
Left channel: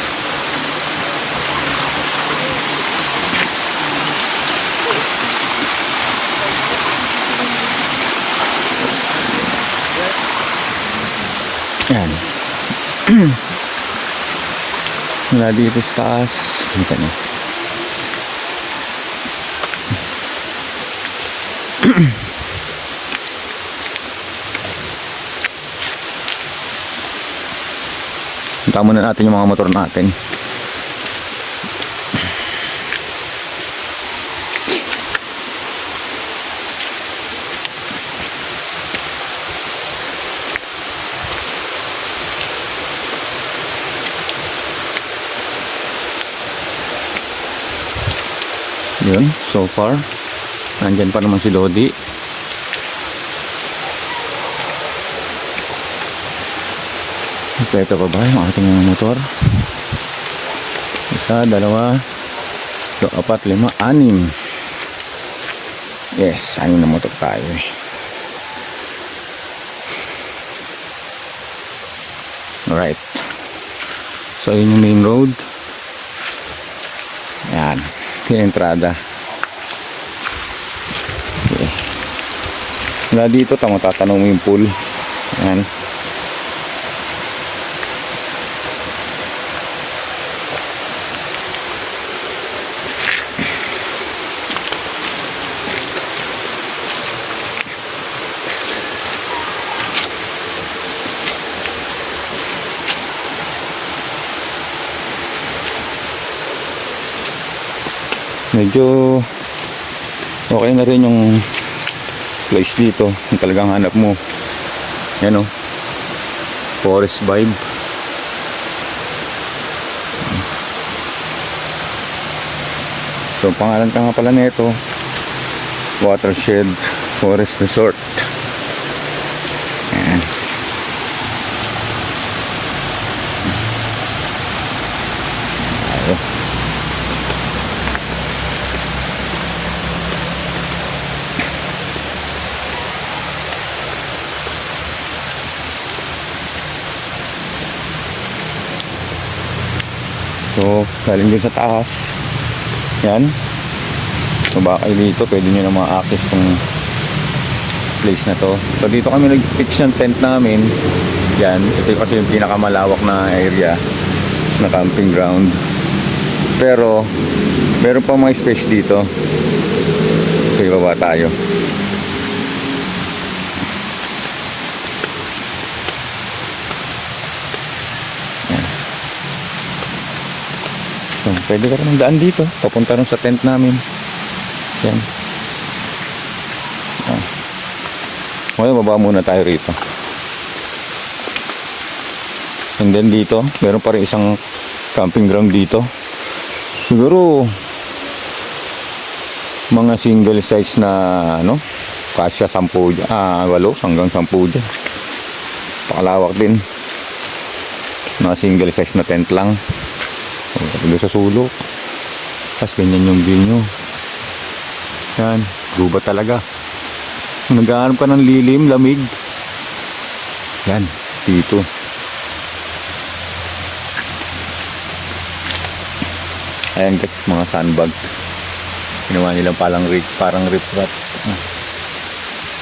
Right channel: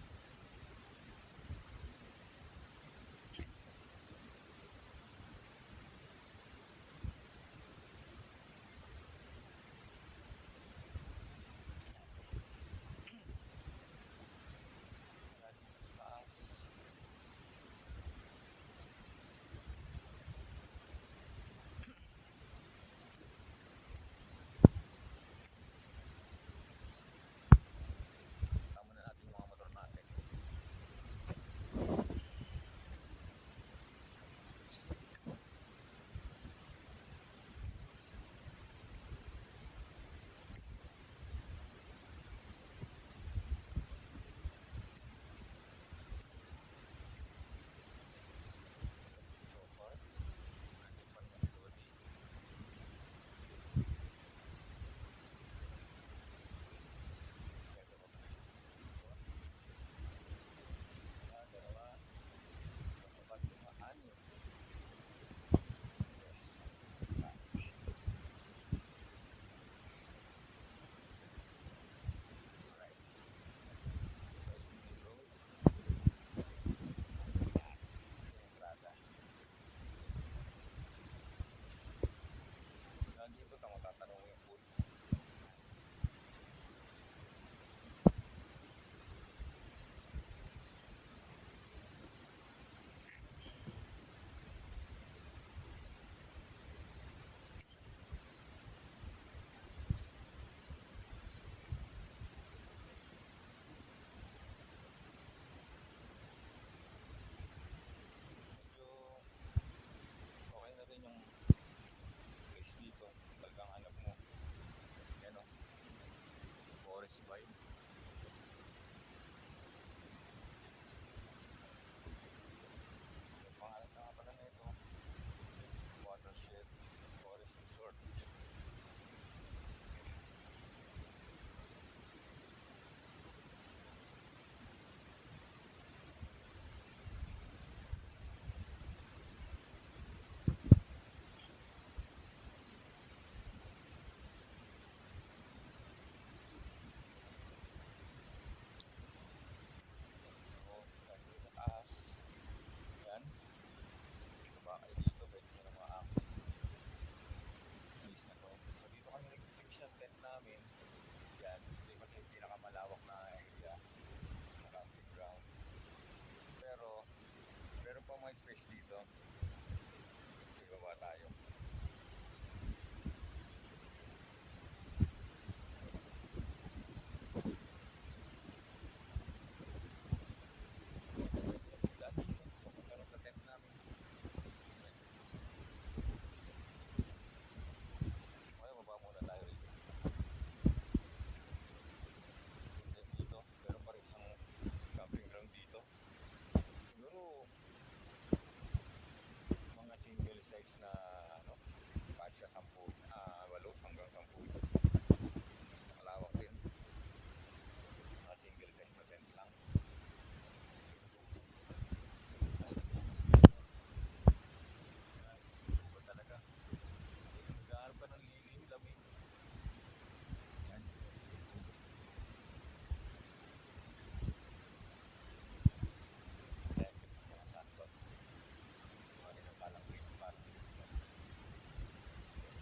Yan. Mula dito sa taas. Dito na. Punta muna natin yung mga motor natin. Yun, so far nandyan pa naman si Lodi. Ito pa ba yung ating mga motor? Isa, dalawa, 2, 4, 5, 6. Yes, 6 na motor tayo eh. Alright. So yun yung main road. Ayan, yung entrada. Okay. Mula dito, tatanong mo yung pool. Ayan. Medyo okay na rin yung place dito kung talagang hanap mo. Yan o, forest vibe. So pangalan ka nga pala nito, Watershed Forest Resort. Yan. Ayo. So, galing din sa taas. Yan. So, baka kayo dito, pwede nyo na ma-access tong place na to. So, dito kami nag-pitch ng tent namin. Yan. Ito kasi yung pinakamalawak na area na camping ground. Pero, meron pa mga space dito. So, ibaba tayo. So, pwede ka rin daan dito papunta rin sa tent namin. Yan. Okay, baba muna tayo rito. And then dito meron pa rin isang camping ground dito. Siguro mga single size na ano, kasya 10 dyan, 8 hanggang 10 dyan. Pakalawak din. Mga single size na tent lang. Doon sa sulok. Tapos ganyan yung view nyo. Yan, guba talaga. Naghahanap ka ng lilim, lamig. Yan, dito. Ayan guys, mga sandbag. Ginawa nilang parang rip-rap.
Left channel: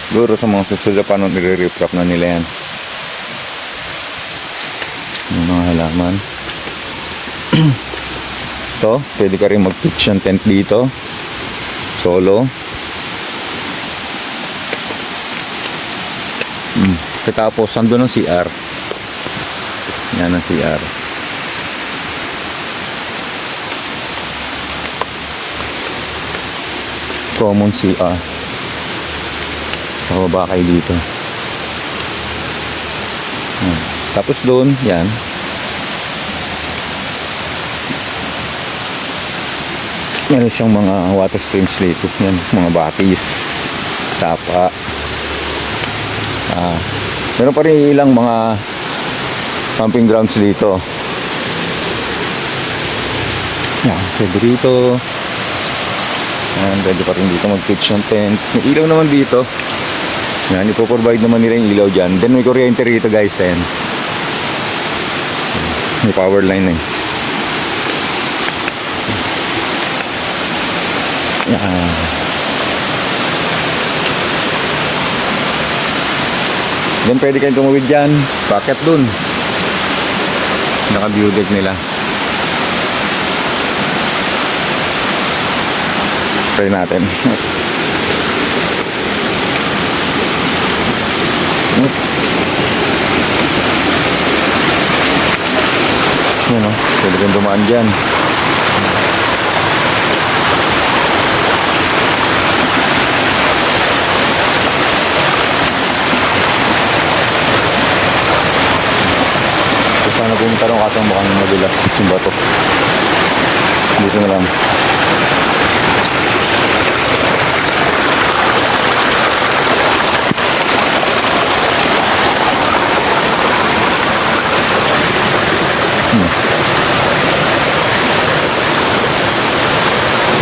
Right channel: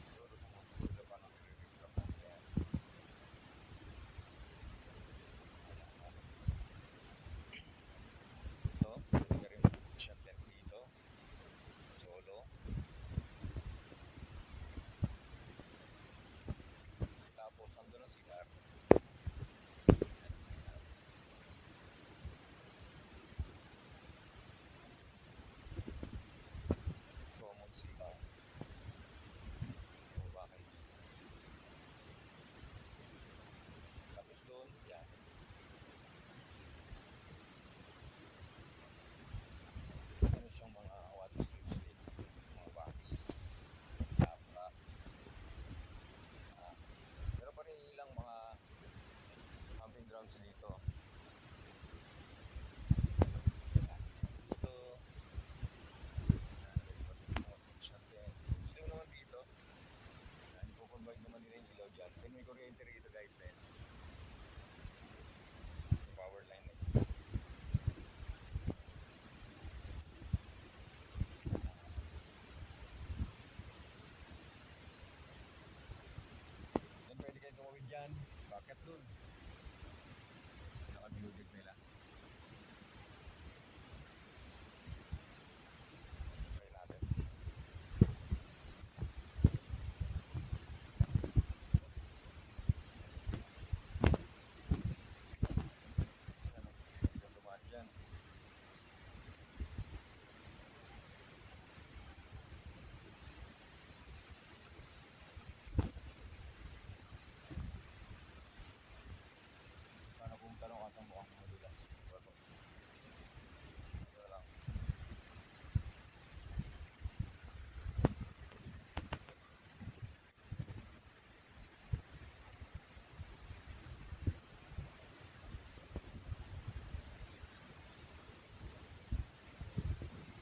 Siguro sa mga susunod pa nung nire-rip-rap na nila yan. Yung mga halaman. Ito, pwede ka rin mag-pitch ng tent dito solo. Tapos andun ang CR. Yan ang CR. common CR. Pababa kayo dito. Yan. Tapos doon, yan. Meron siyang mga water streams dito. Yan, mga batis, sapa. Meron pa rin ilang mga camping grounds dito. Yan, pwede dito. Yan, pwede pa rin dito mag-pitch ng tent. May ilaw naman dito. Yan, ipoprovide naman nila yung ilaw dyan. Then may kuryente rito guys. Yan. May power line eh. Yan. Then pwede kayong tumawid dyan. Packet dun. Naka-view deck nila. Try natin. Yan o. Pwede kayong dumaan dyan. Sana pumunta rin katang mukhang madulas yung bato. Dito na lang.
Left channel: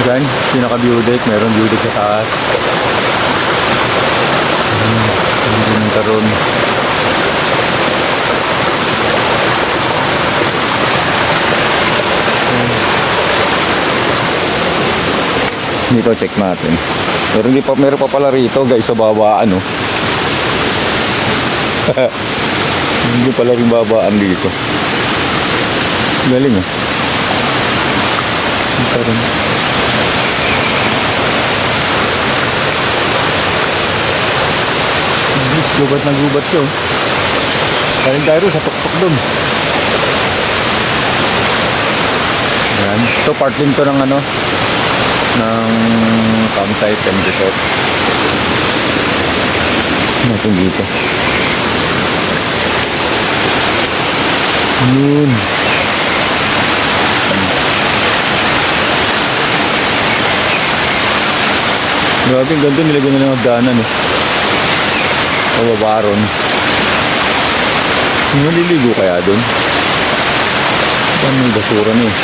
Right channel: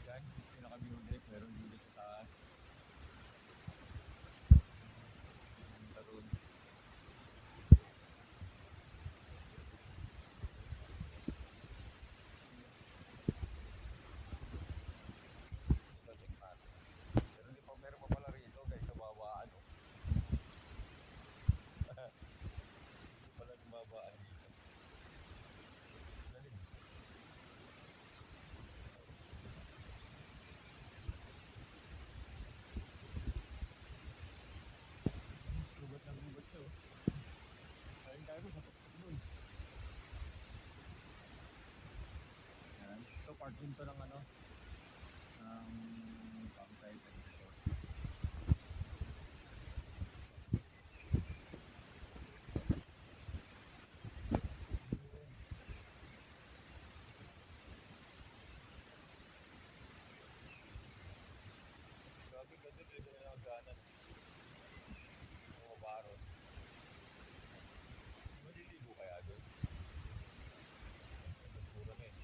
Diyan, pinaka-view deck. Meron view deck sa taas. Hindi nang karoon. Dito check natin. Pero meron pa pala rito guys sa babaan oh. Hindi pala rin babaan dito. Galing oh. Ito rin. Gubat na gubat siya oh. Kaling tayo sa tuktok dun. Yan. Ito part din to ng ano ng campsite and resort natin dito. Yun. Grabe, ang ganda nilagyan nila ng hagdanan eh. Pababa ron. Maliligo kaya dun? Saan may basura na eh.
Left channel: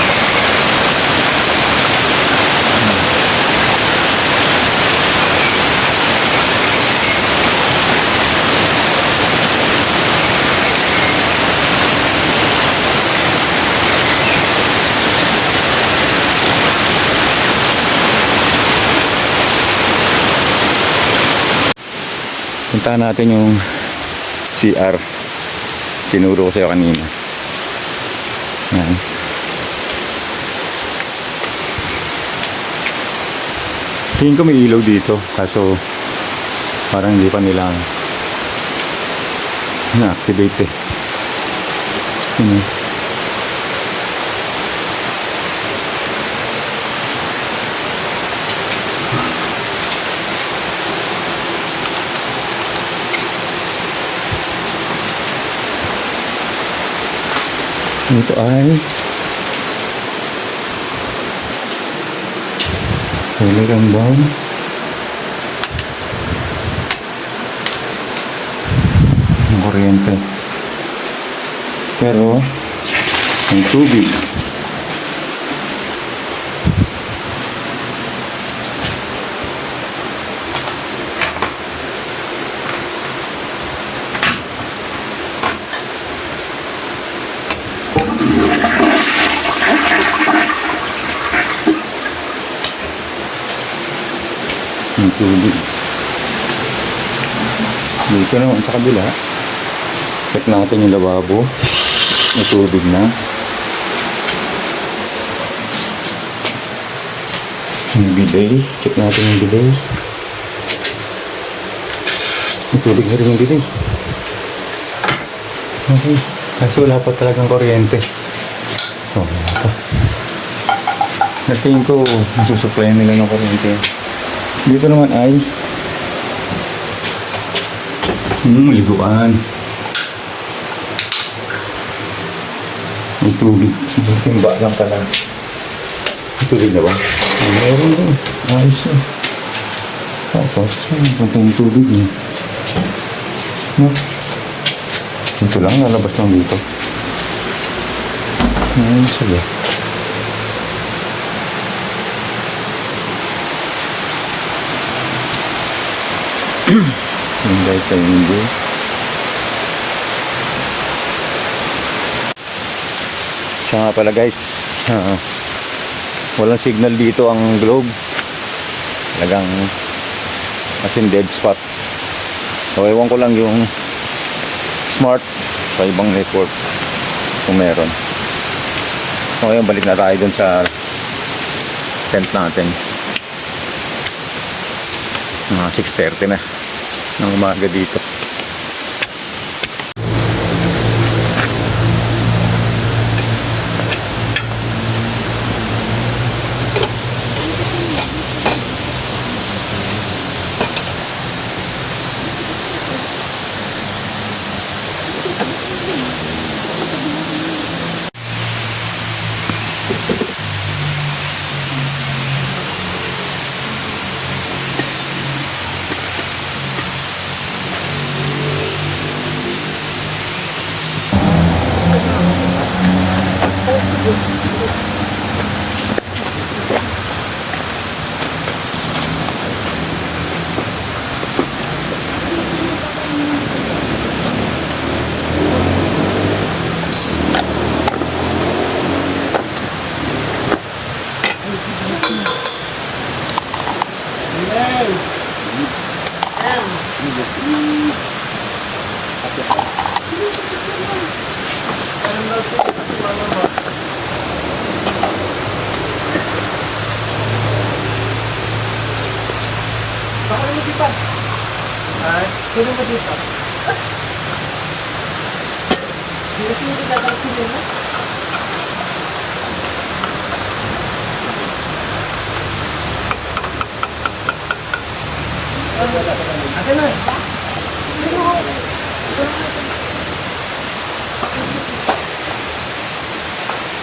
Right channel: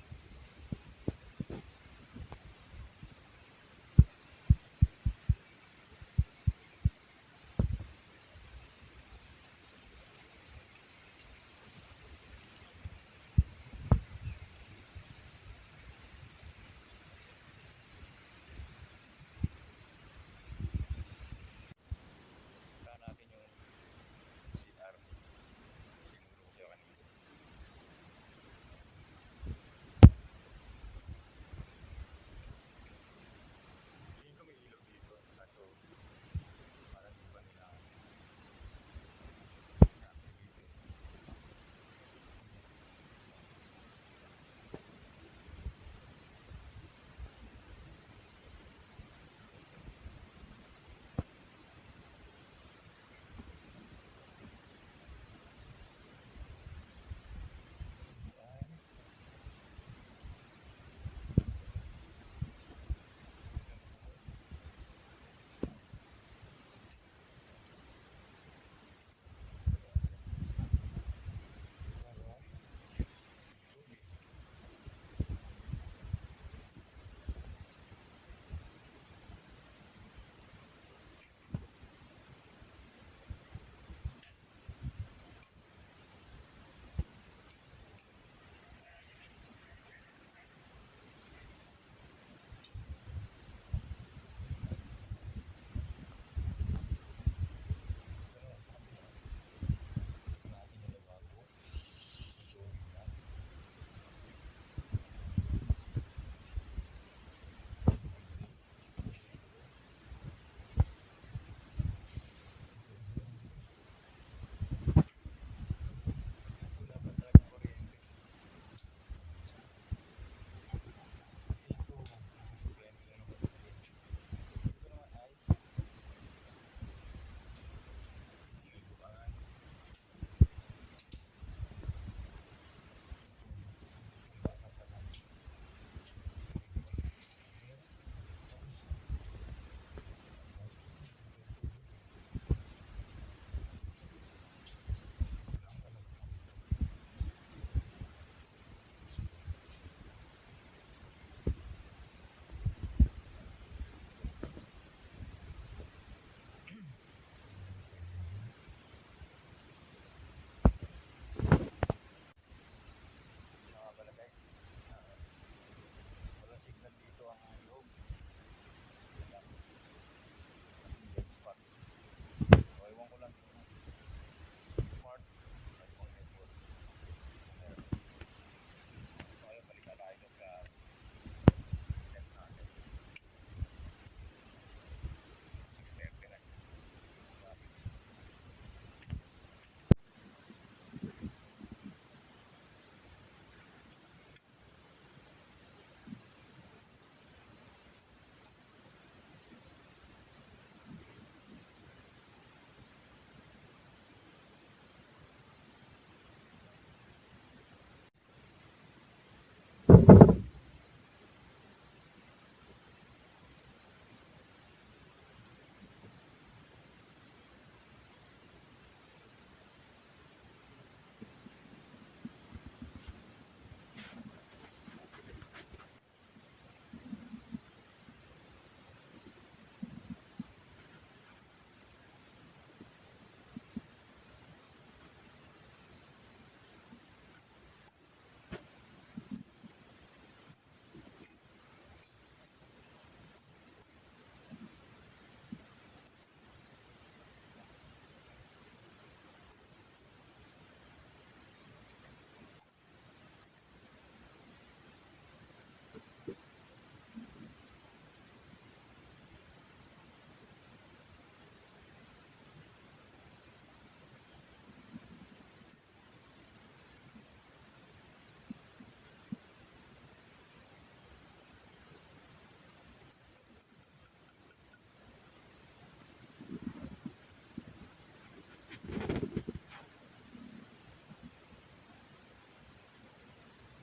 Puntahan natin yung CR. Tinuro ko sa'yo kanina. Yan. Tingin ko may ilaw dito. Kaso parang hindi pa nila na-activate eh. Yun. Ito ay talagang bang ang kuryente pero ang tubig ng tubig. Dito naman sa kabila, check natin yung lababo. May tubig na. Yung bidet, check natin yung bidet. May tubig na rin yung bidet. Okay, kasi wala pa talagang kuryente. Oh, wala pa. Natingin ko, nasusupply nila ng kuryente. Dito naman ay maliguan. May tubig. Timba lang pala. May tubig na ba? Meron din. Ayos na. Tapos, punta yung tubig eh. No? Ito lang, lalabas lang dito. Ayos sila. Yung guys sa hindi. Siya nga pala guys, walang signal dito ang globe. Talagang as in dead spot. So ewan ko lang yung smart sa ibang network kung meron. So ngayon balik na tayo dun sa tent natin. Mga 6:30 na ng umaga dito.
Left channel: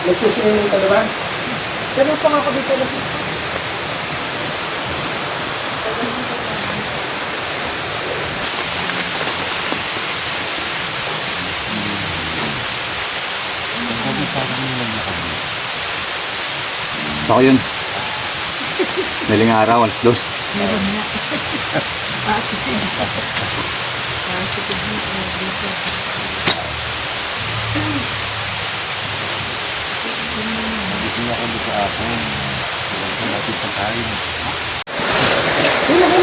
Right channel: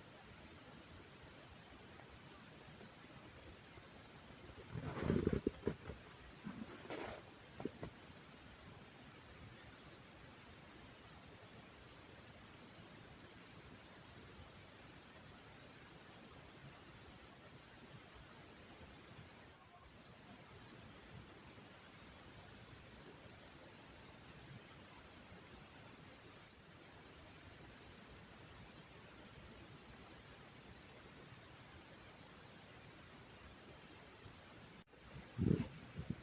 Nagsiswimming ka diba? Ganun pa nga ako dito na. Ako yun. Daling araw, alas 2.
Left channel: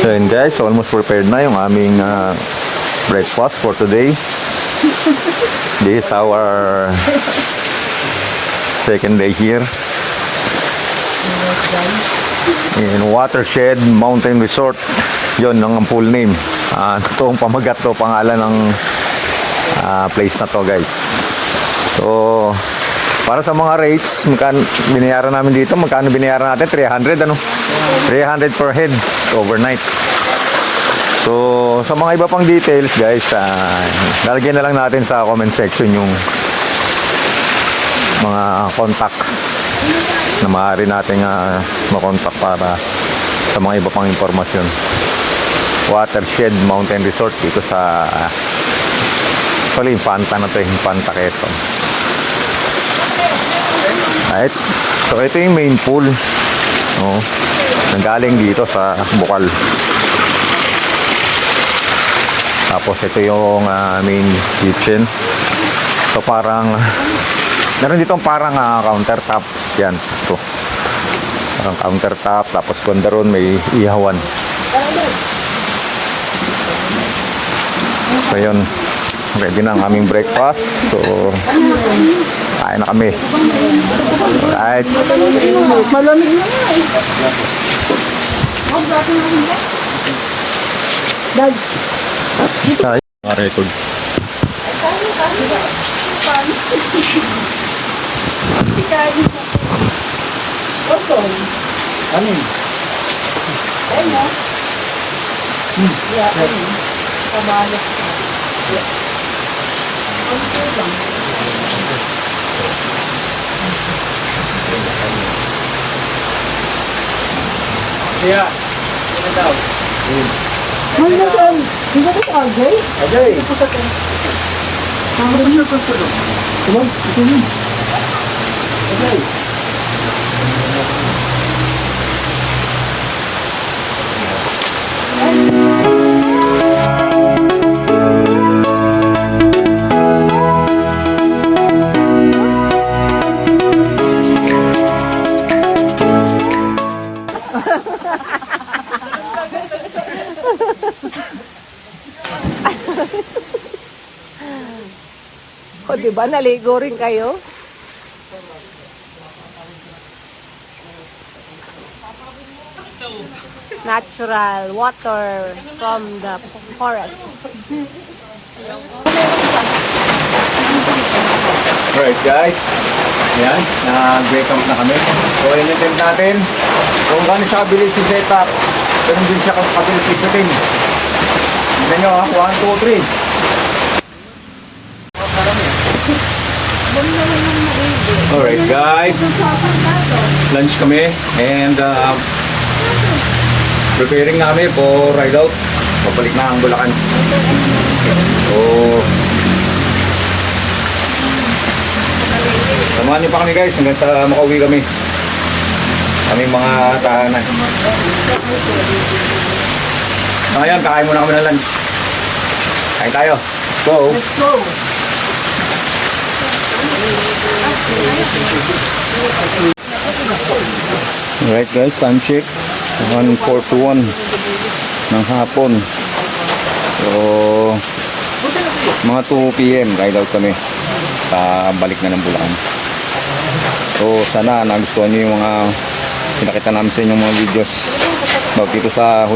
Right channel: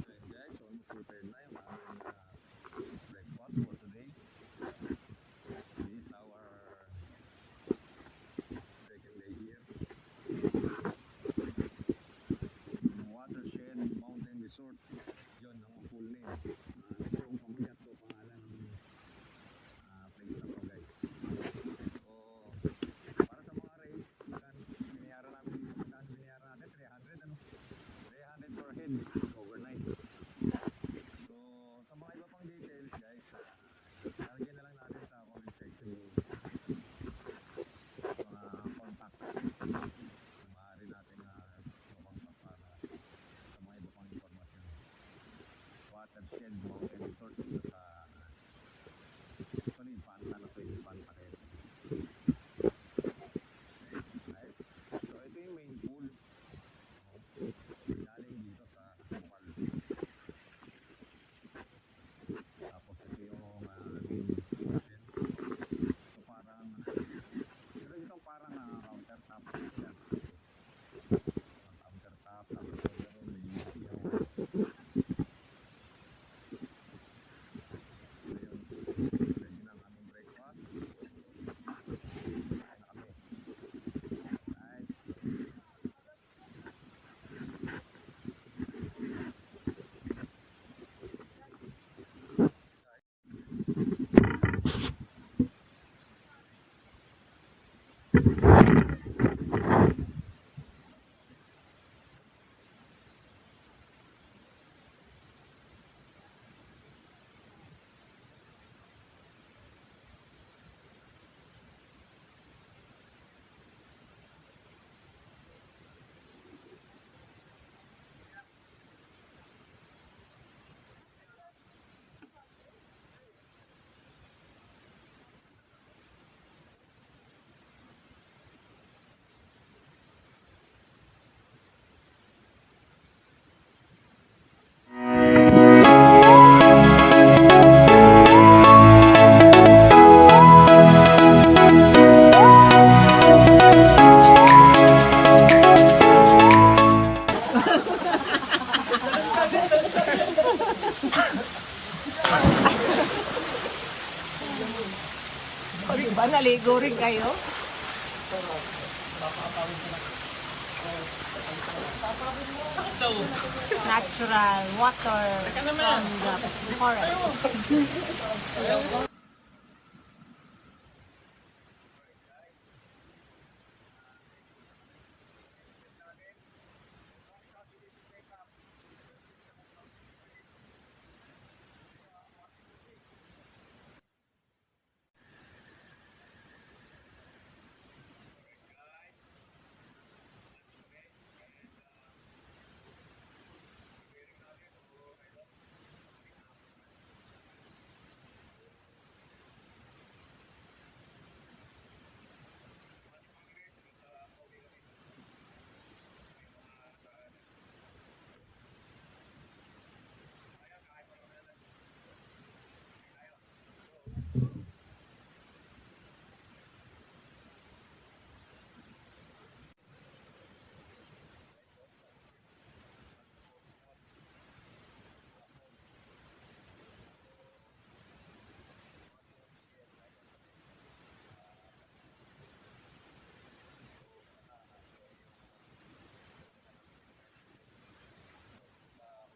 So yun guys, almost prepared na yung aming breakfast for today. This is our second day here in Watershed Mountain Resort. Yon ang full name. Totoong pamagat to, pangalan ng place na to guys. So para sa mga rates, magkano binayaran namin dito? Magkano binayaran natin? 300 ano? 300 per head overnight. So sa mga iba pang details guys, lalagyan na lang natin sa comment section yung mga contact na maaari nating makontak para sa mga iba pang impormasyon. Watershed Mountain Resort dito sa actually Infanta na to, Infanta Quezon. Right. So ito yung main pool. Nanggaling dito sa Bukal. Tapos ito yung main kitchen. So parang meron dito parang countertop. Yan. Ito. Parang countertop. Tapos banda ron may ihawan. So yun. Ready na ang aming breakfast. So kain na kami. Alright. Malamig na nga eh. Dad. Ay, record. Awesome. Ano? Ayun, no? Yeah, kabayas na. Kaya, ano daw? Ay, nasaan? Hindi ba ito Agay? Agay. Parang niya sa tulog. Tulog? Ito yun. Agay. O, diba? Naligo rin kayo? Natural water from the forest. Alright guys, yan, nag-break up na kami. So in-attempt natin, kung gaano siya kabilis si setup, ganun din siya kabilis ikutin. Tignan nyo ha, 1, 2, 3. Alright guys, lunch kami and preparing na kami for ride out. Papalik na ang Bulacan. So, samahan niyo pa kami guys hanggang sa makauwi kami. Kami mga tahanan. So ngayon, kakain muna kami ng lunch. Kain tayo. Let's go. Let's go. Alright guys, time check 1:41 ng hapon. So mga 2 PM ride out kami. Balik na ng Bulacan. So sana nagustuhan niyo yung mga pinakita namin sa inyong mga videos about dito sa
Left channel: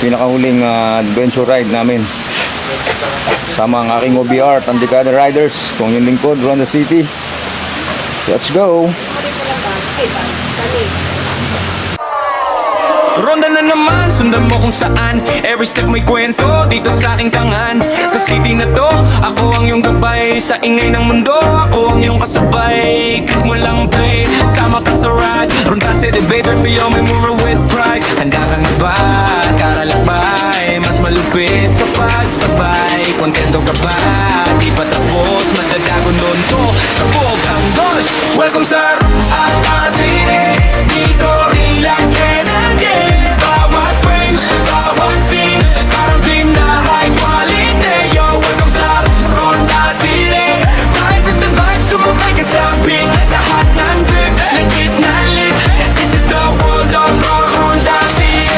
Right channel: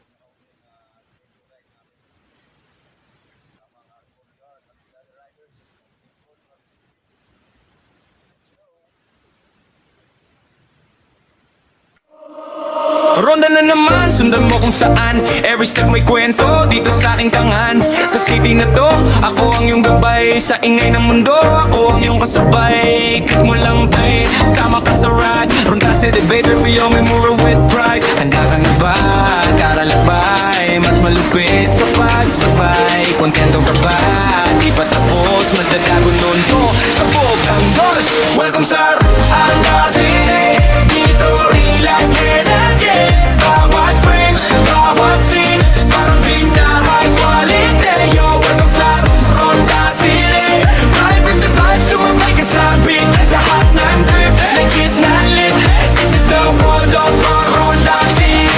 pinakahuling adventure ride namin. Sama ang aking OBR, Tandikada Riders, kung yung lingkod, Ronda City. Let's go! Ronda na naman, sundan mo kung saan. Every step may kwento, dito sa aking tangan. Sa city na to, ako ang iyong gabay. Sa ingay ng mundo, ako ang iyong kasabay. Click mo lang play, sama ka sa ride. Ronda City baby, beyond me mura with pride. Handa ka na ba? Karalakbay, mas malupit kapag sabay. Kontento ka ba? Di pa tapos, mas dadagon doon to sa buong Angolas. Welcome sa Ronda City, dito relax energy. Bawat frames, bawat scenes, parang pinaka-high quality. Yo, welcome sa Ronda City. Ride with the vibes, sumabay ka sa beat. Lahat ng grip, legit na lit. This is the world of Ronda City.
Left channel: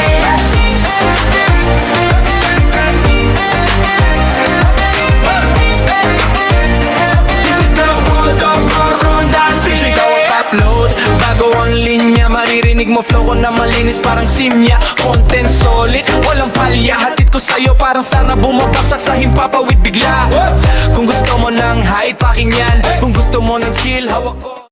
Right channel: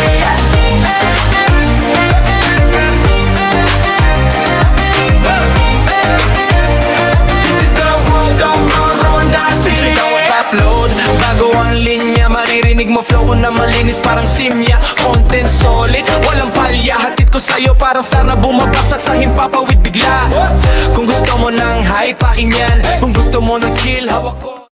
This is the world of Ronda City. Check out upload, bago ang linya. Maririnig mo flow ko na malinis parang simya. Content solid, walang palya. Hatid ko sa'yo parang star na bumabaksak sa himpapawid bigla. Kung gusto mo ng high, paking yan. Kung gusto mo ng chill, hawak ko.